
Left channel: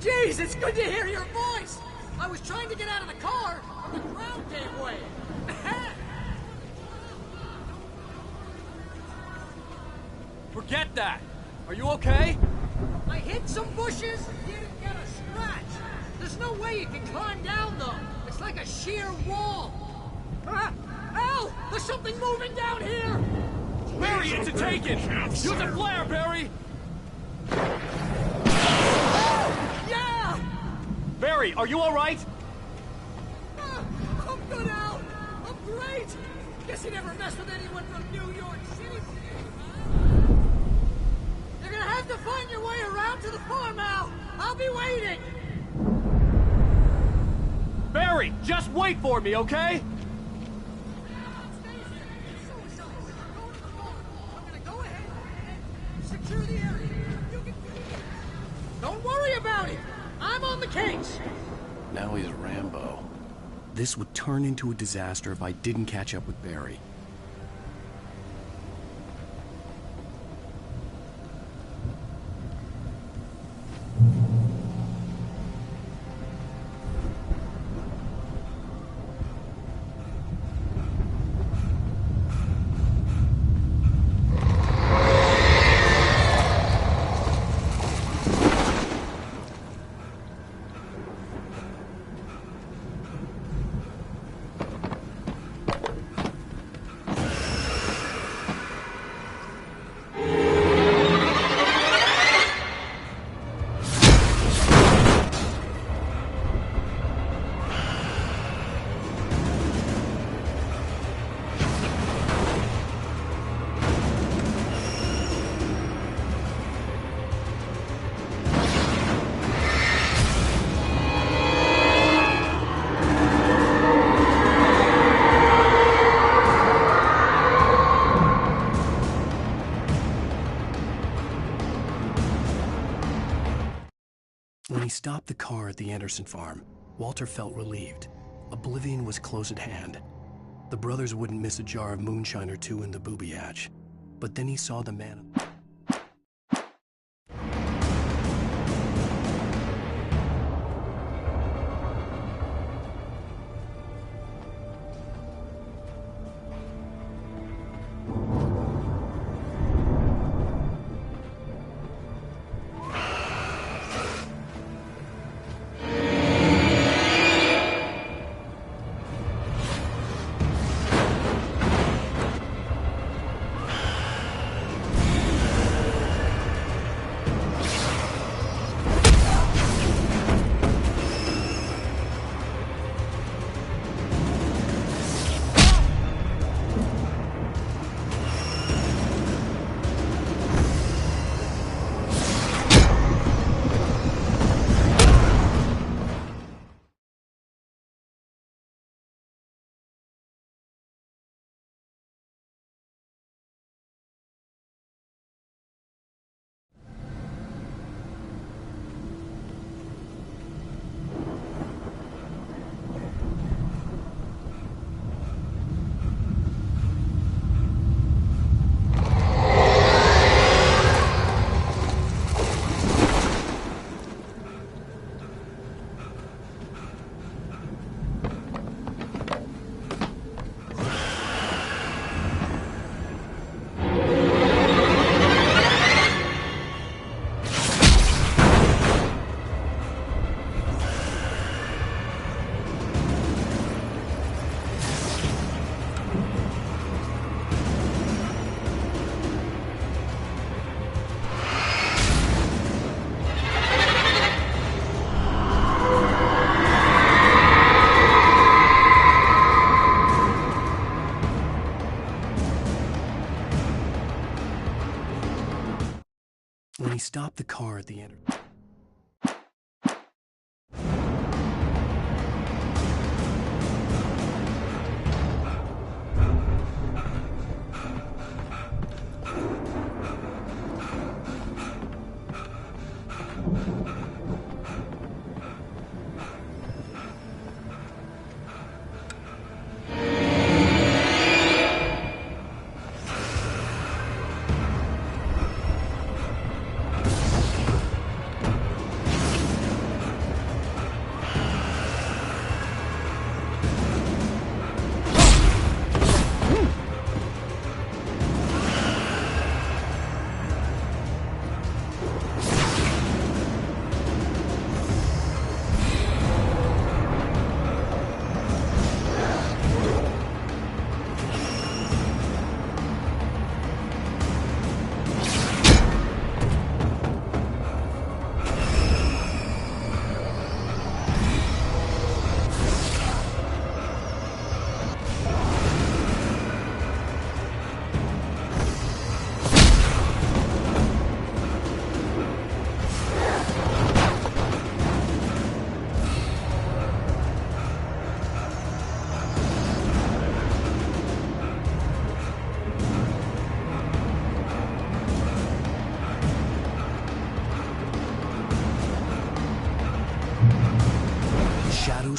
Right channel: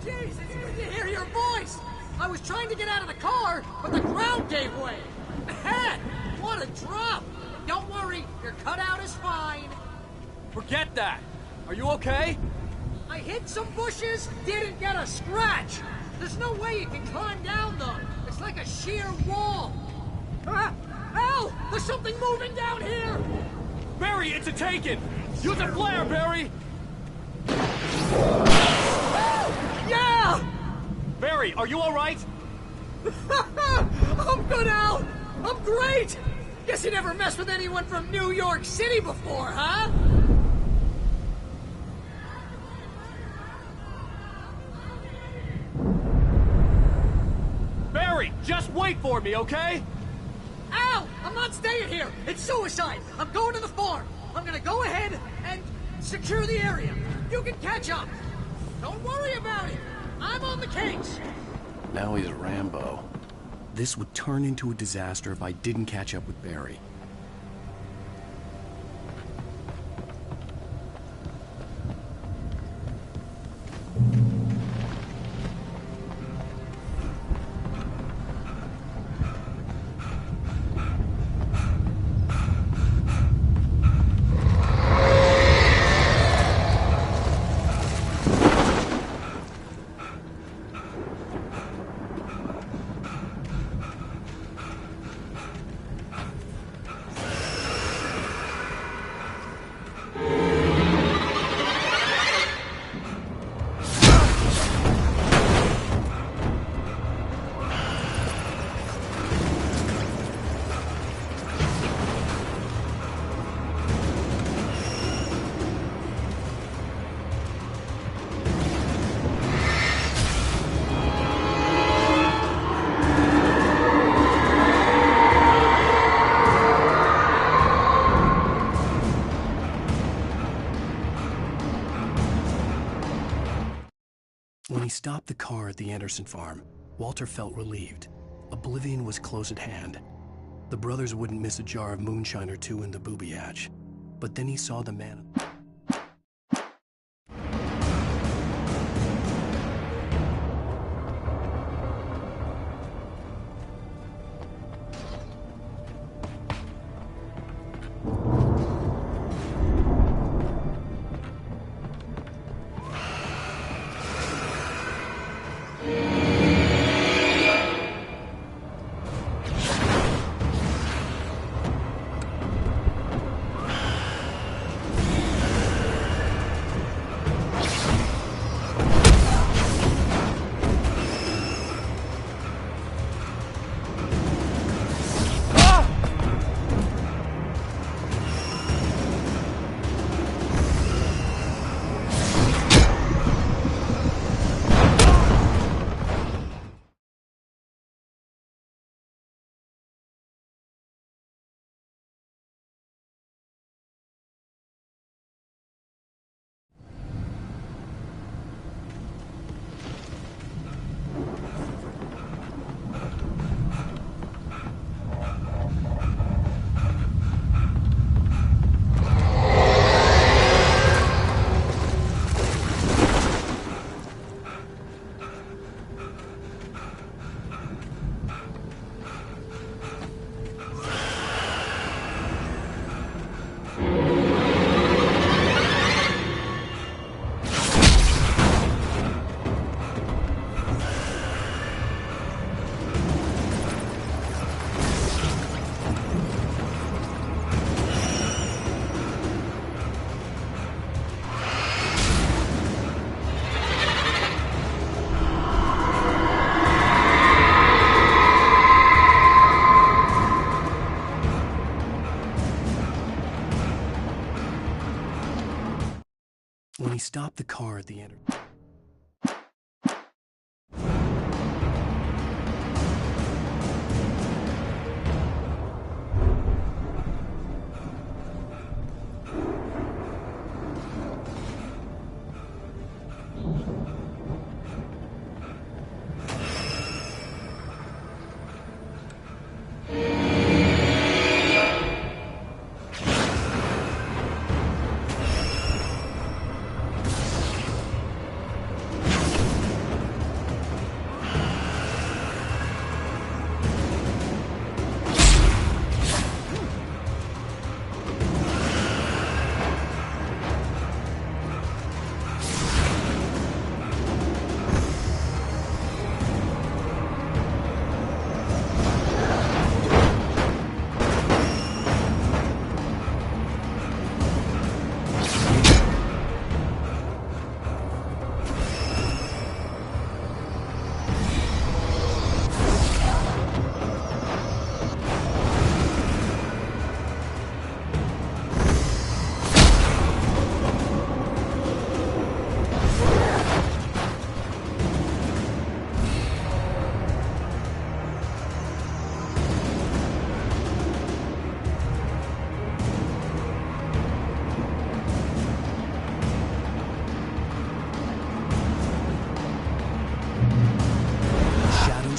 Jeez, it's good to hear your voice! I was trying to get out of the car, but the ground gave way. Man, what a drop! Don't worry, your cutout is fine. Forget that! Are you okay? I hit some bushes, didn't get a scratch. There's no way you can climb down, though. It's like a sheer wall. Ah! Al! There's something moving down here! Barry, it's a taken! Use a flare, Barry! Oh, yeah! Barry, are you alright? I'm good, Al! I'm great! Guess you never messed with anyone from New York City before, huh? You're gonna have to find your way around to the farm, Al! I'll be waiting! Barry, just wait for me, okay? Al! I'm not staying here! It's suicide! I'm going to the farm! I'm gonna go ahead and secure the area. You can catch up. Don't worry about it! I'm on the case! Now he's Rambo. This would turn into a disaster if I didn't catch up with Barry. When he stopped the car at the Anderson farm, Walter felt relieved. Oblivion was close at hand. The brothers wouldn't miss a jar of moonshine or two in the booby hatch. But then he saw the man... He stopped the car at the end.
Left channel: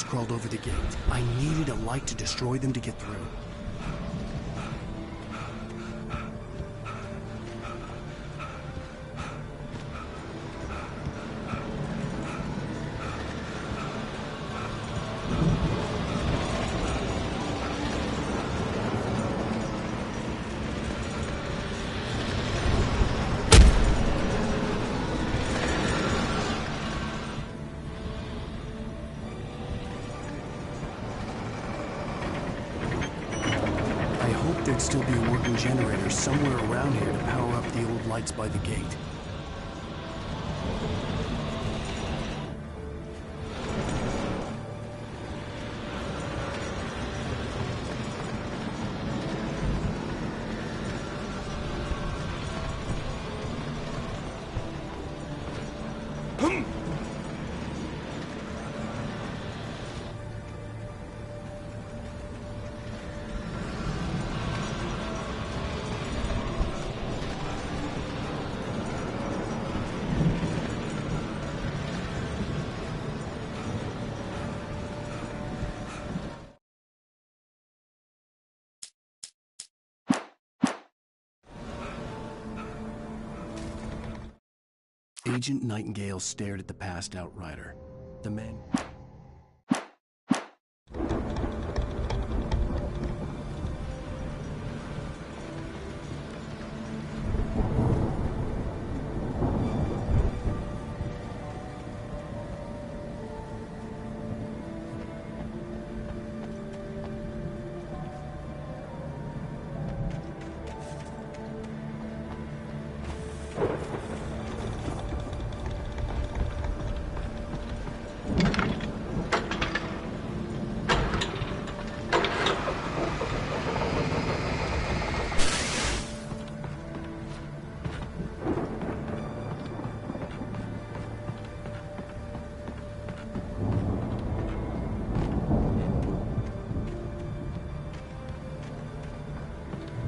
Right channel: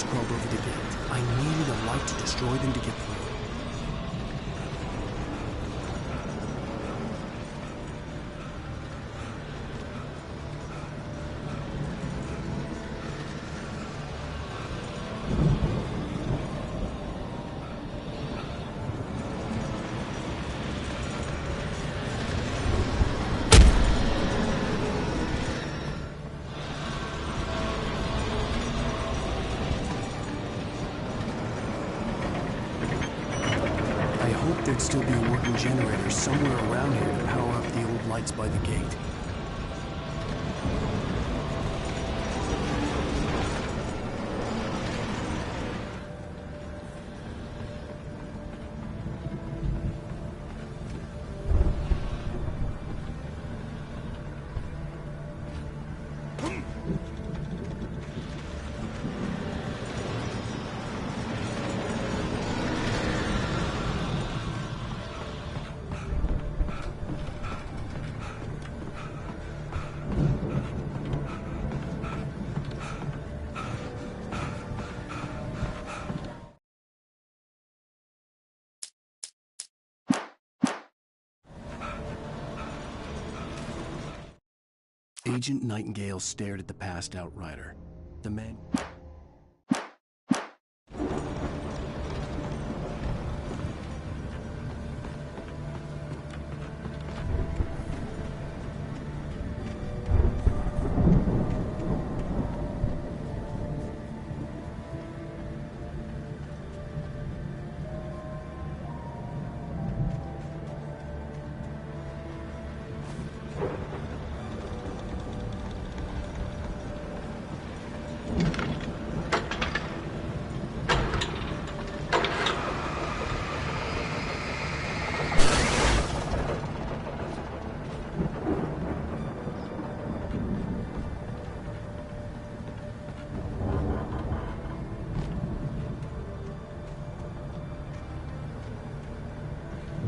Crawled over the gate. I needed a light to destroy them to get through. There'd still be a working generator somewhere around here to power up the old lights by the gate. Agent Nightingale stared at the passed out rider. The man...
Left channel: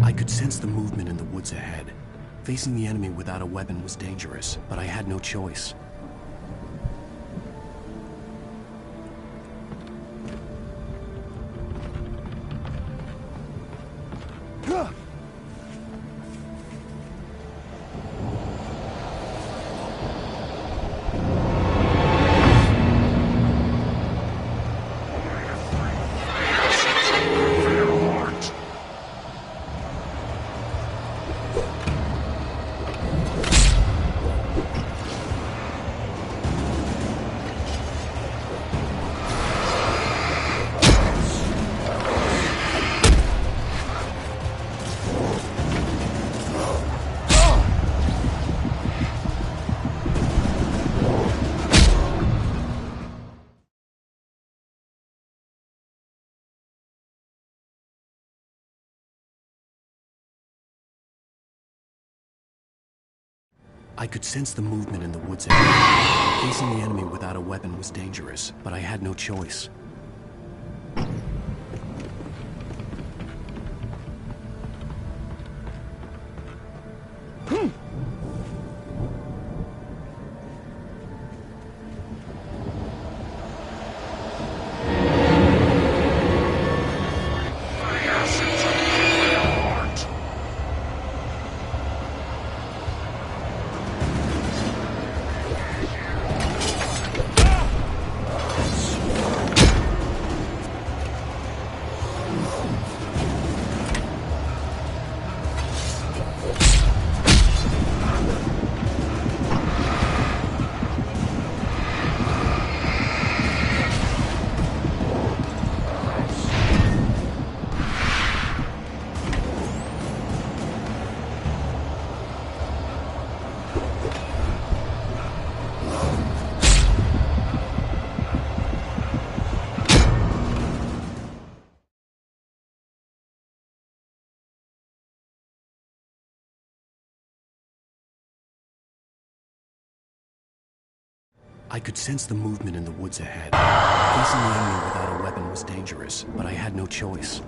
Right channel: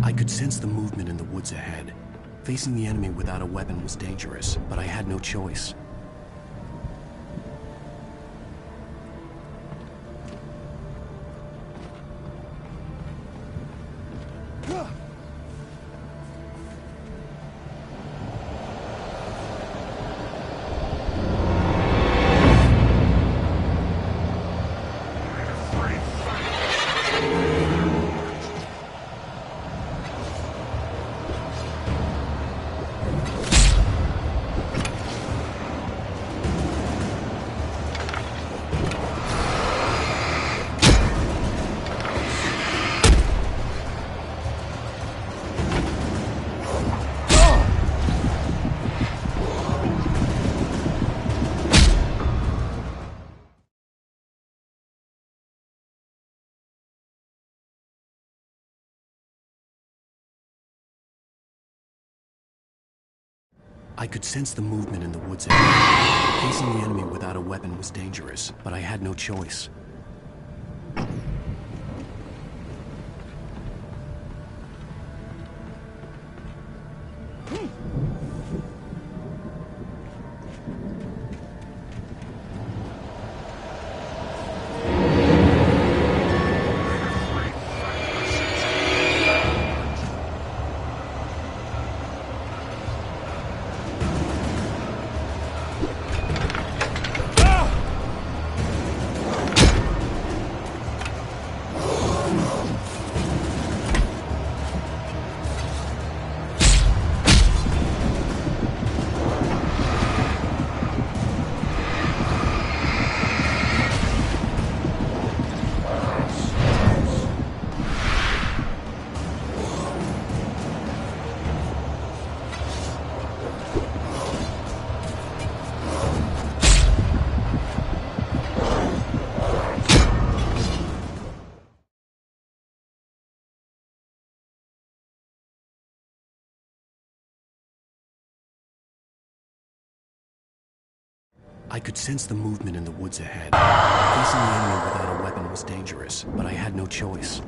I could sense the movement in the woods ahead. Facing the enemy without a weapon was dangerous, but I had no choice. I could sense the movement in the woods ahead. Facing the enemy without a weapon was dangerous, but I had no choice. I could sense the movement in the woods ahead. Facing the enemy without a weapon was dangerous, but I had no choice.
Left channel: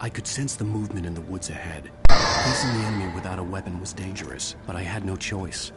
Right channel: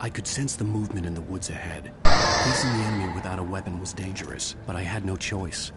I could sense the movement in the woods ahead. Facing the enemy without a weapon was dangerous, but I had no choice.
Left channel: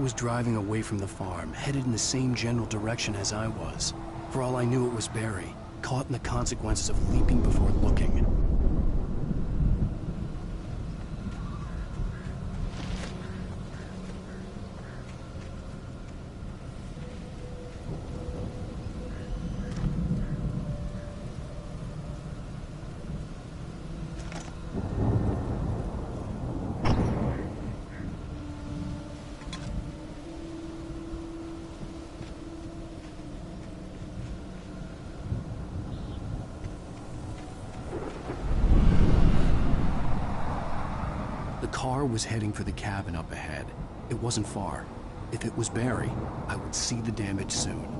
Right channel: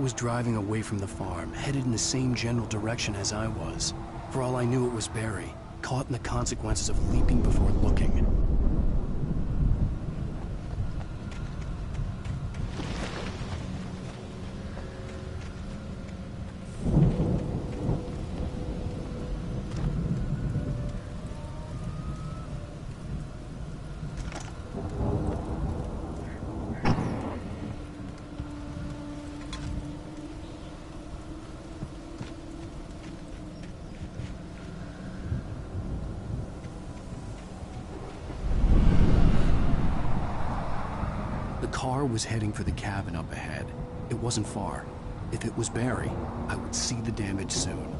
Was driving away from the farm, headed in the same general direction as I was. For all I knew, it was Barry, caught in the consequences of leaping before looking. car was heading for the cabin up ahead. It wasn't far. If it was Barry, I would see the damage soon.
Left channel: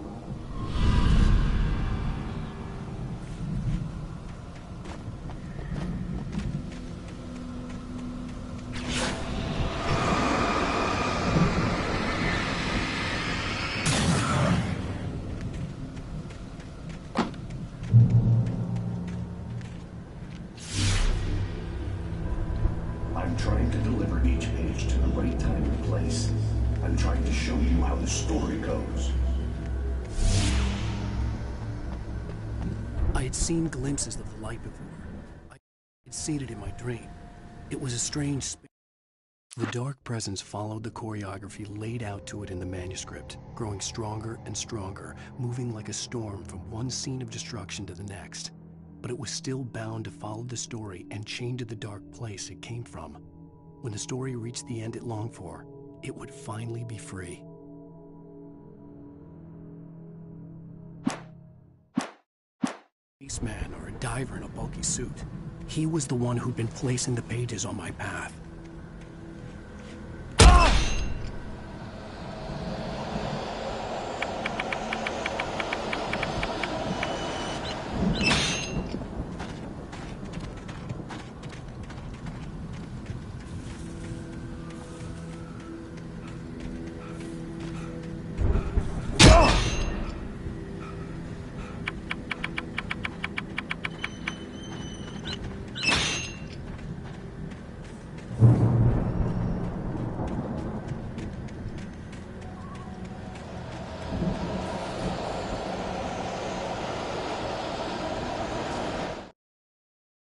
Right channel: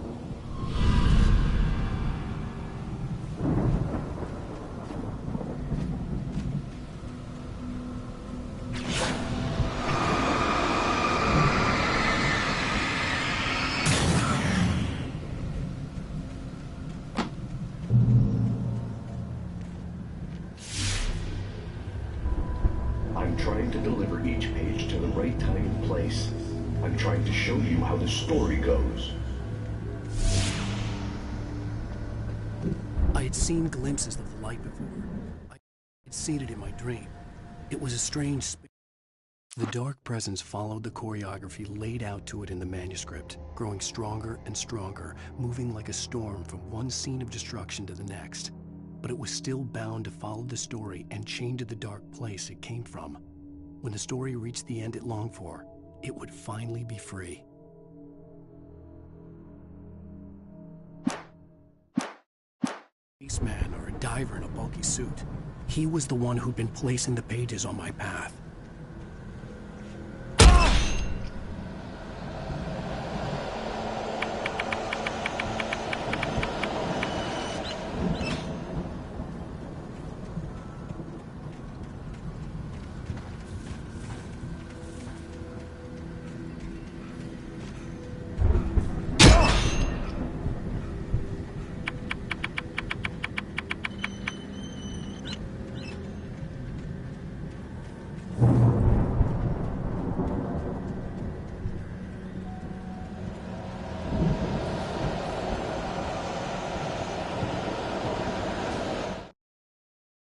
I'm trying to deliver each page to the right time and place. I'm trying to show you how the story goes. I had seen glimpses of the light before. I had seen it in my dream. It was a strange space. The dark presence followed the choreography laid out to it in the manuscript, growing stronger and stronger, moving like a storm from one scene of destruction to the next. But it was still bound to follow the story and chained to the dark place it came from. When the story reached the end it longed for, it would finally be free. Spaceman or a diver in a bulky suit. He was the one who'd been placing the pages on my path.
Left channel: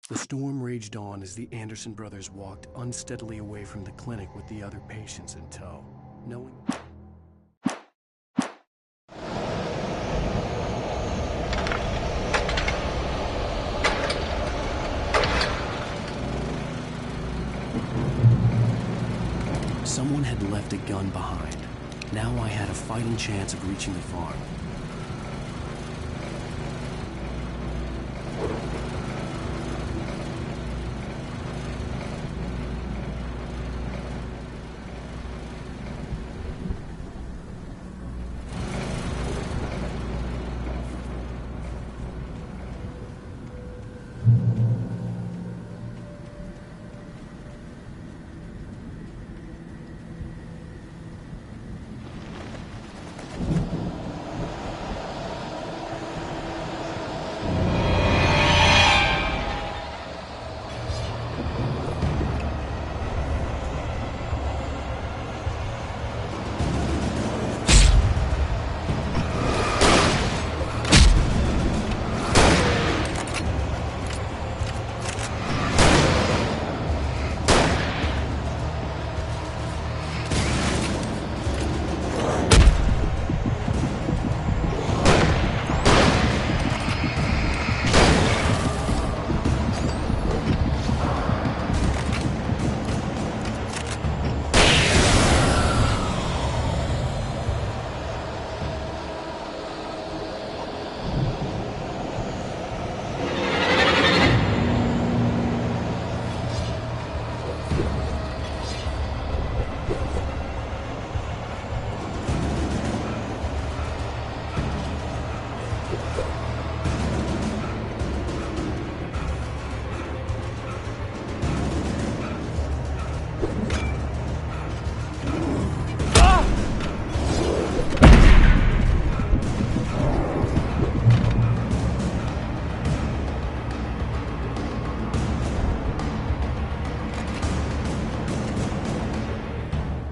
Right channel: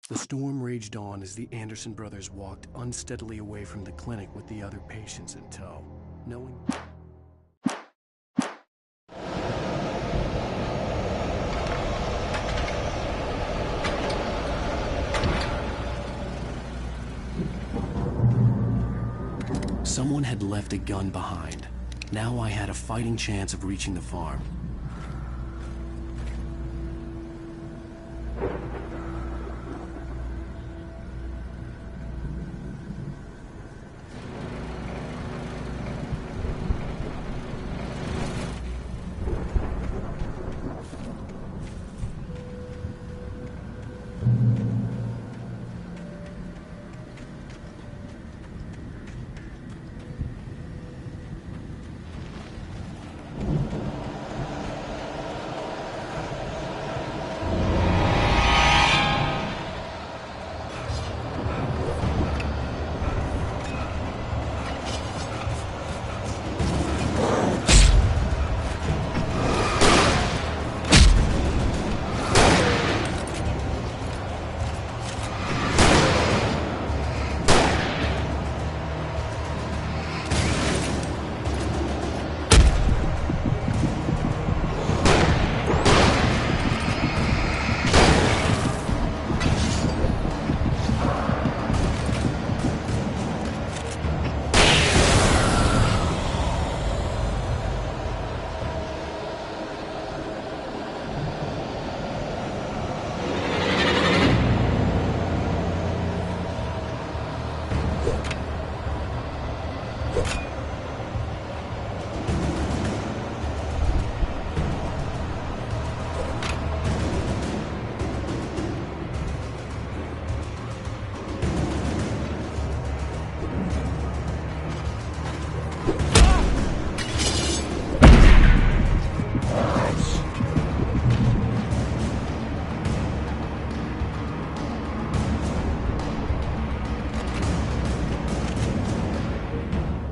The storm raged on as the Anderson brothers walked unsteadily away from the clinic with the other patients in tow, knowing... Someone had left a gun behind. Now I had a fighting chance of reaching the farm.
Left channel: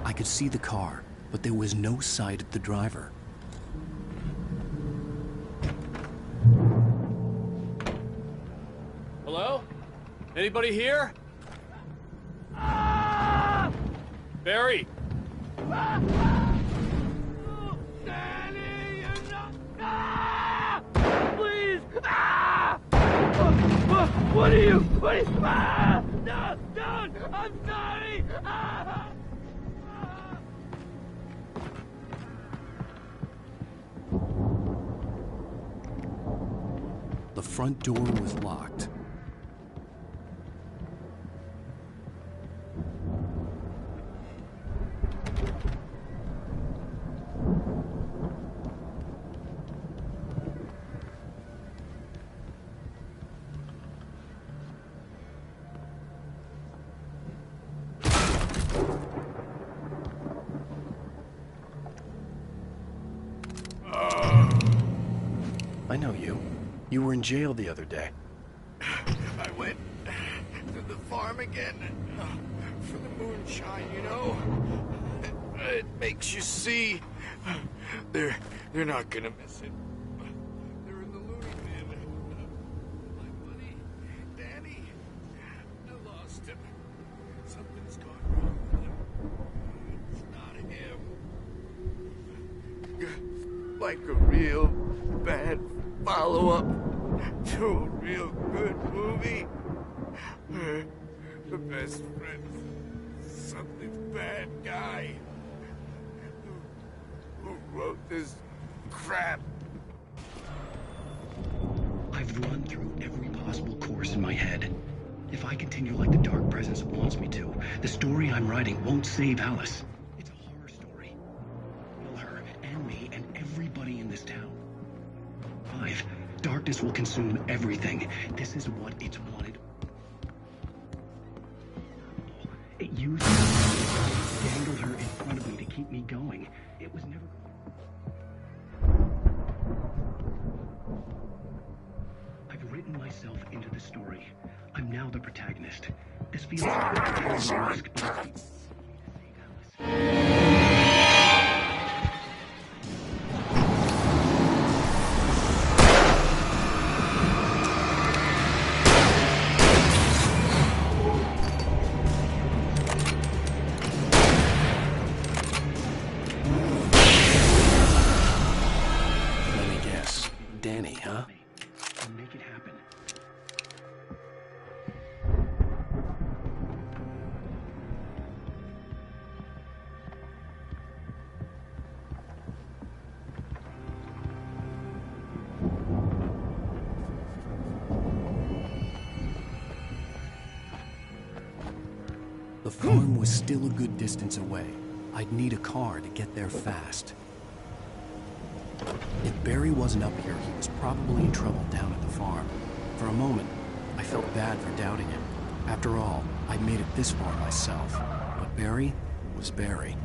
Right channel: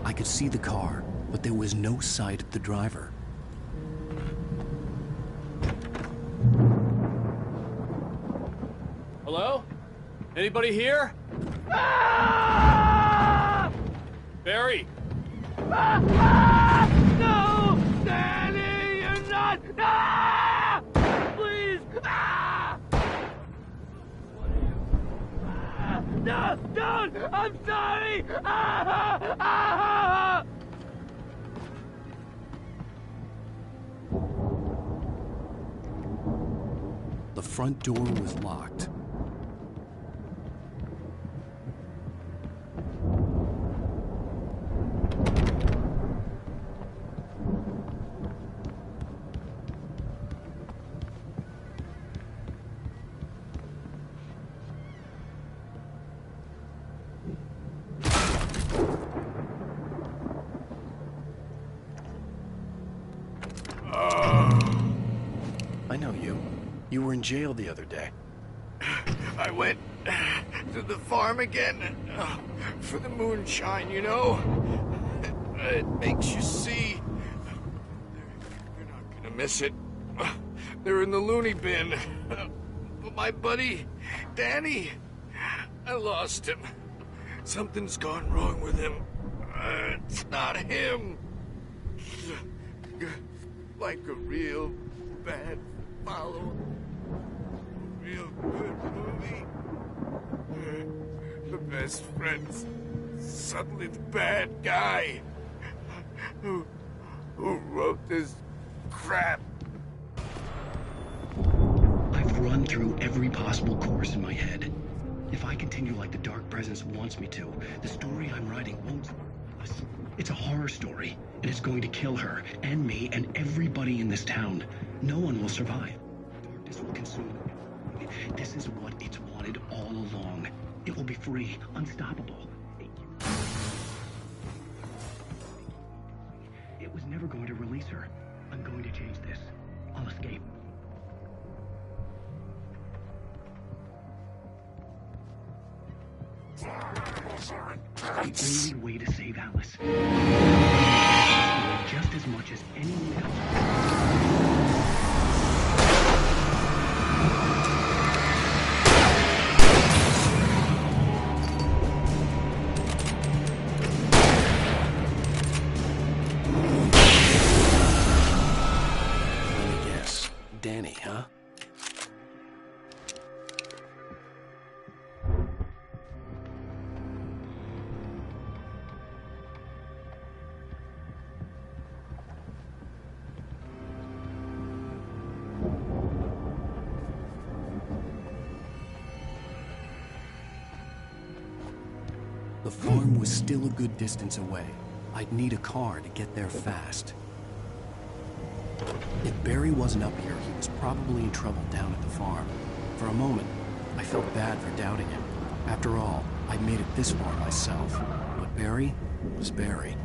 I could see the car, but there was no sight of the driver. Hello? Anybody here? Barry! No! Danny, you're not! Please! What are you? No! Don't! I'm sorry! The front door was locked. know you. You were in jail the other day. I went to the farm again for the moonshine, you know? It makes you see. They're not gonna miss it. They're in the loony bin. But my buddy, Danny, I lost him. Something's gone wrong with him. It's not him. Like a real bad follow-up to a real good movie. The best friend's suddenly the bad guy who wrote this crap. I've run through every possible course in my head. If I continue like the Dark Presence wants me to, the story I'm writing won't save Alice. It's a horror story, and it's going to kill her, and me, and everybody in this town. No one will survive. Darkness will consume everything. This is what it's wanted all along. It will be free, unstoppable. It used me, dangled her in front of me to keep me going. It was never going to release her. I'm going to change this. I'll escape. I've written myself into the story. I'm now the protagonist. This feels like a risk, but it's the only way to save Alice. Just as much as anyone else. Let me guess. Danny, huh? Make it happen. The farm was still a good distance away. I'd need a car to get there fast. If Barry wasn't up here, he was probably in trouble down at the farm. For a moment, I felt bad for doubting him. After all, I'd made it this far myself. But Barry was Barry.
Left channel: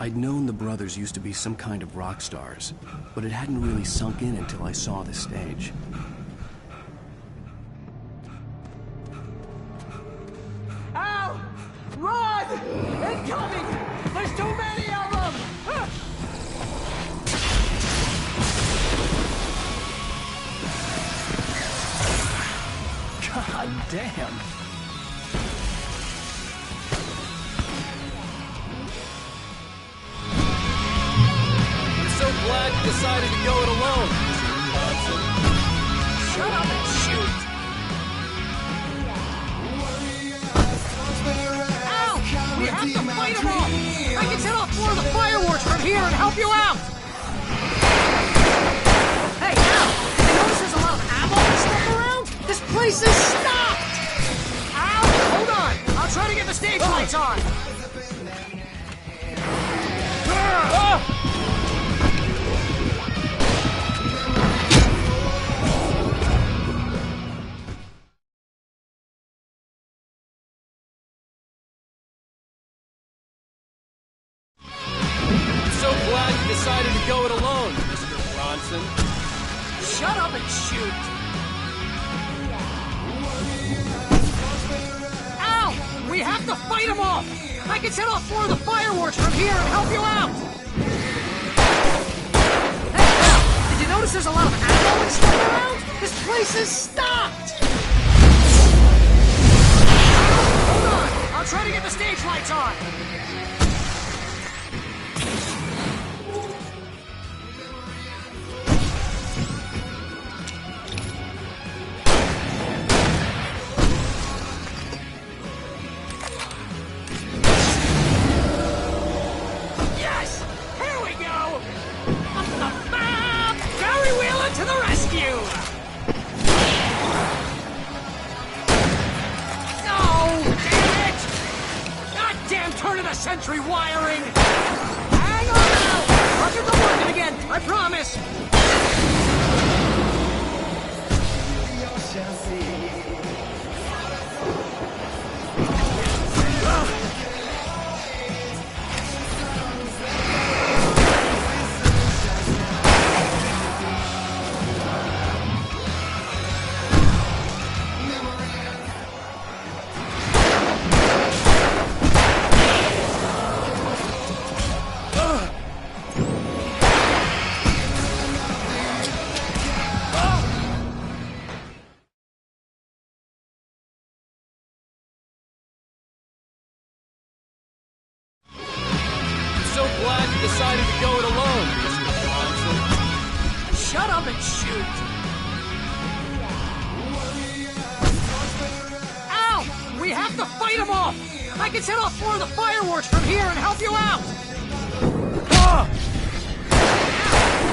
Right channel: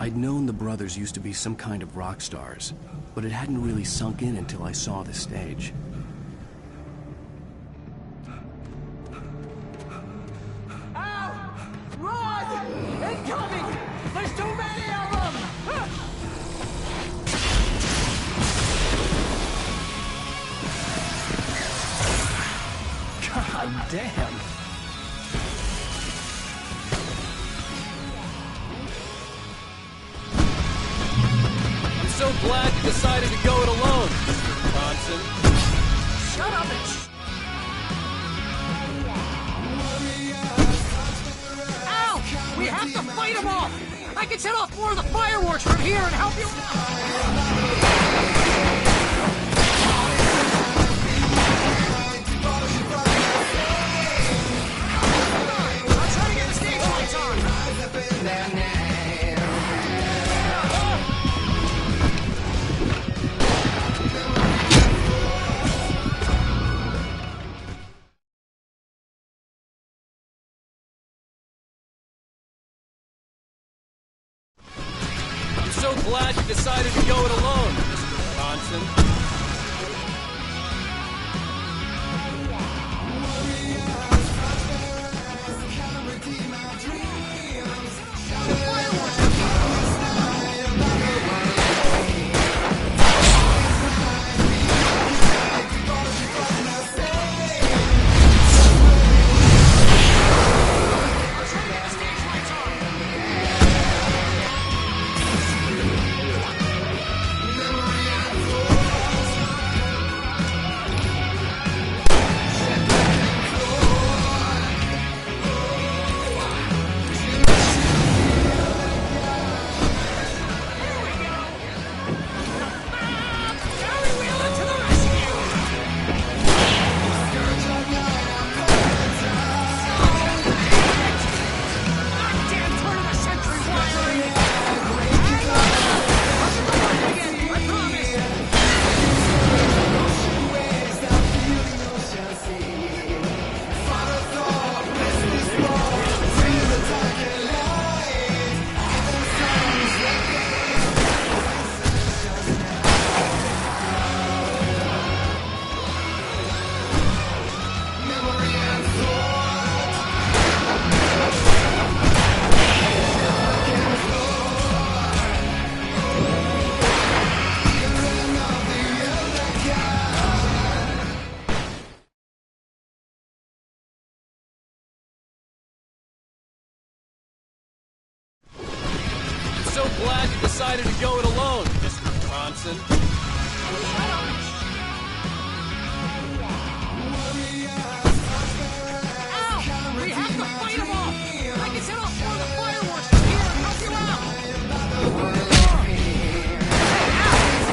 I'd known the brothers used to be some kind of rock stars, but it hadn't really sunk in until I saw the stage. Ow! Run! Incoming! There's too many of them! God damn! I'm so glad you decided to go it alone, Mr. Johnson. Shut up and shoot! Ow! We have to fight them off! I can set off more of the fireworks from here and help you out! Hey, this is a lot of ammo stuff around? This place is stopped! Ow! Hold on! I'll try to get the stage lights on! I'm so glad you decided to go it alone, Mr. Johnson. Shut up and shoot! Ow! We have to fight them off! I can set off more of the fireworks from here and help you out! Hey, you notice there's a lot of ammo stuff around? This place is stopped! Hold on, I'll try to get the stage lights on! Century wiring! Hang on now! I'll get the working again, I promise! So glad you decided to go it alone, Mr. Johnson. Shut up and shoot! Ow! We have to fight them off! I can set off more of the fireworks from here and help you out! Ow!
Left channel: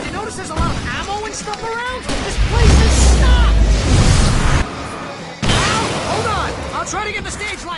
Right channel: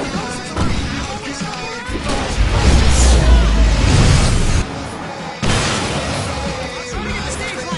You notice there's a lot of ammo and stuff around? This place is stopped! Ow! Hold on! I'll try to get the stage light!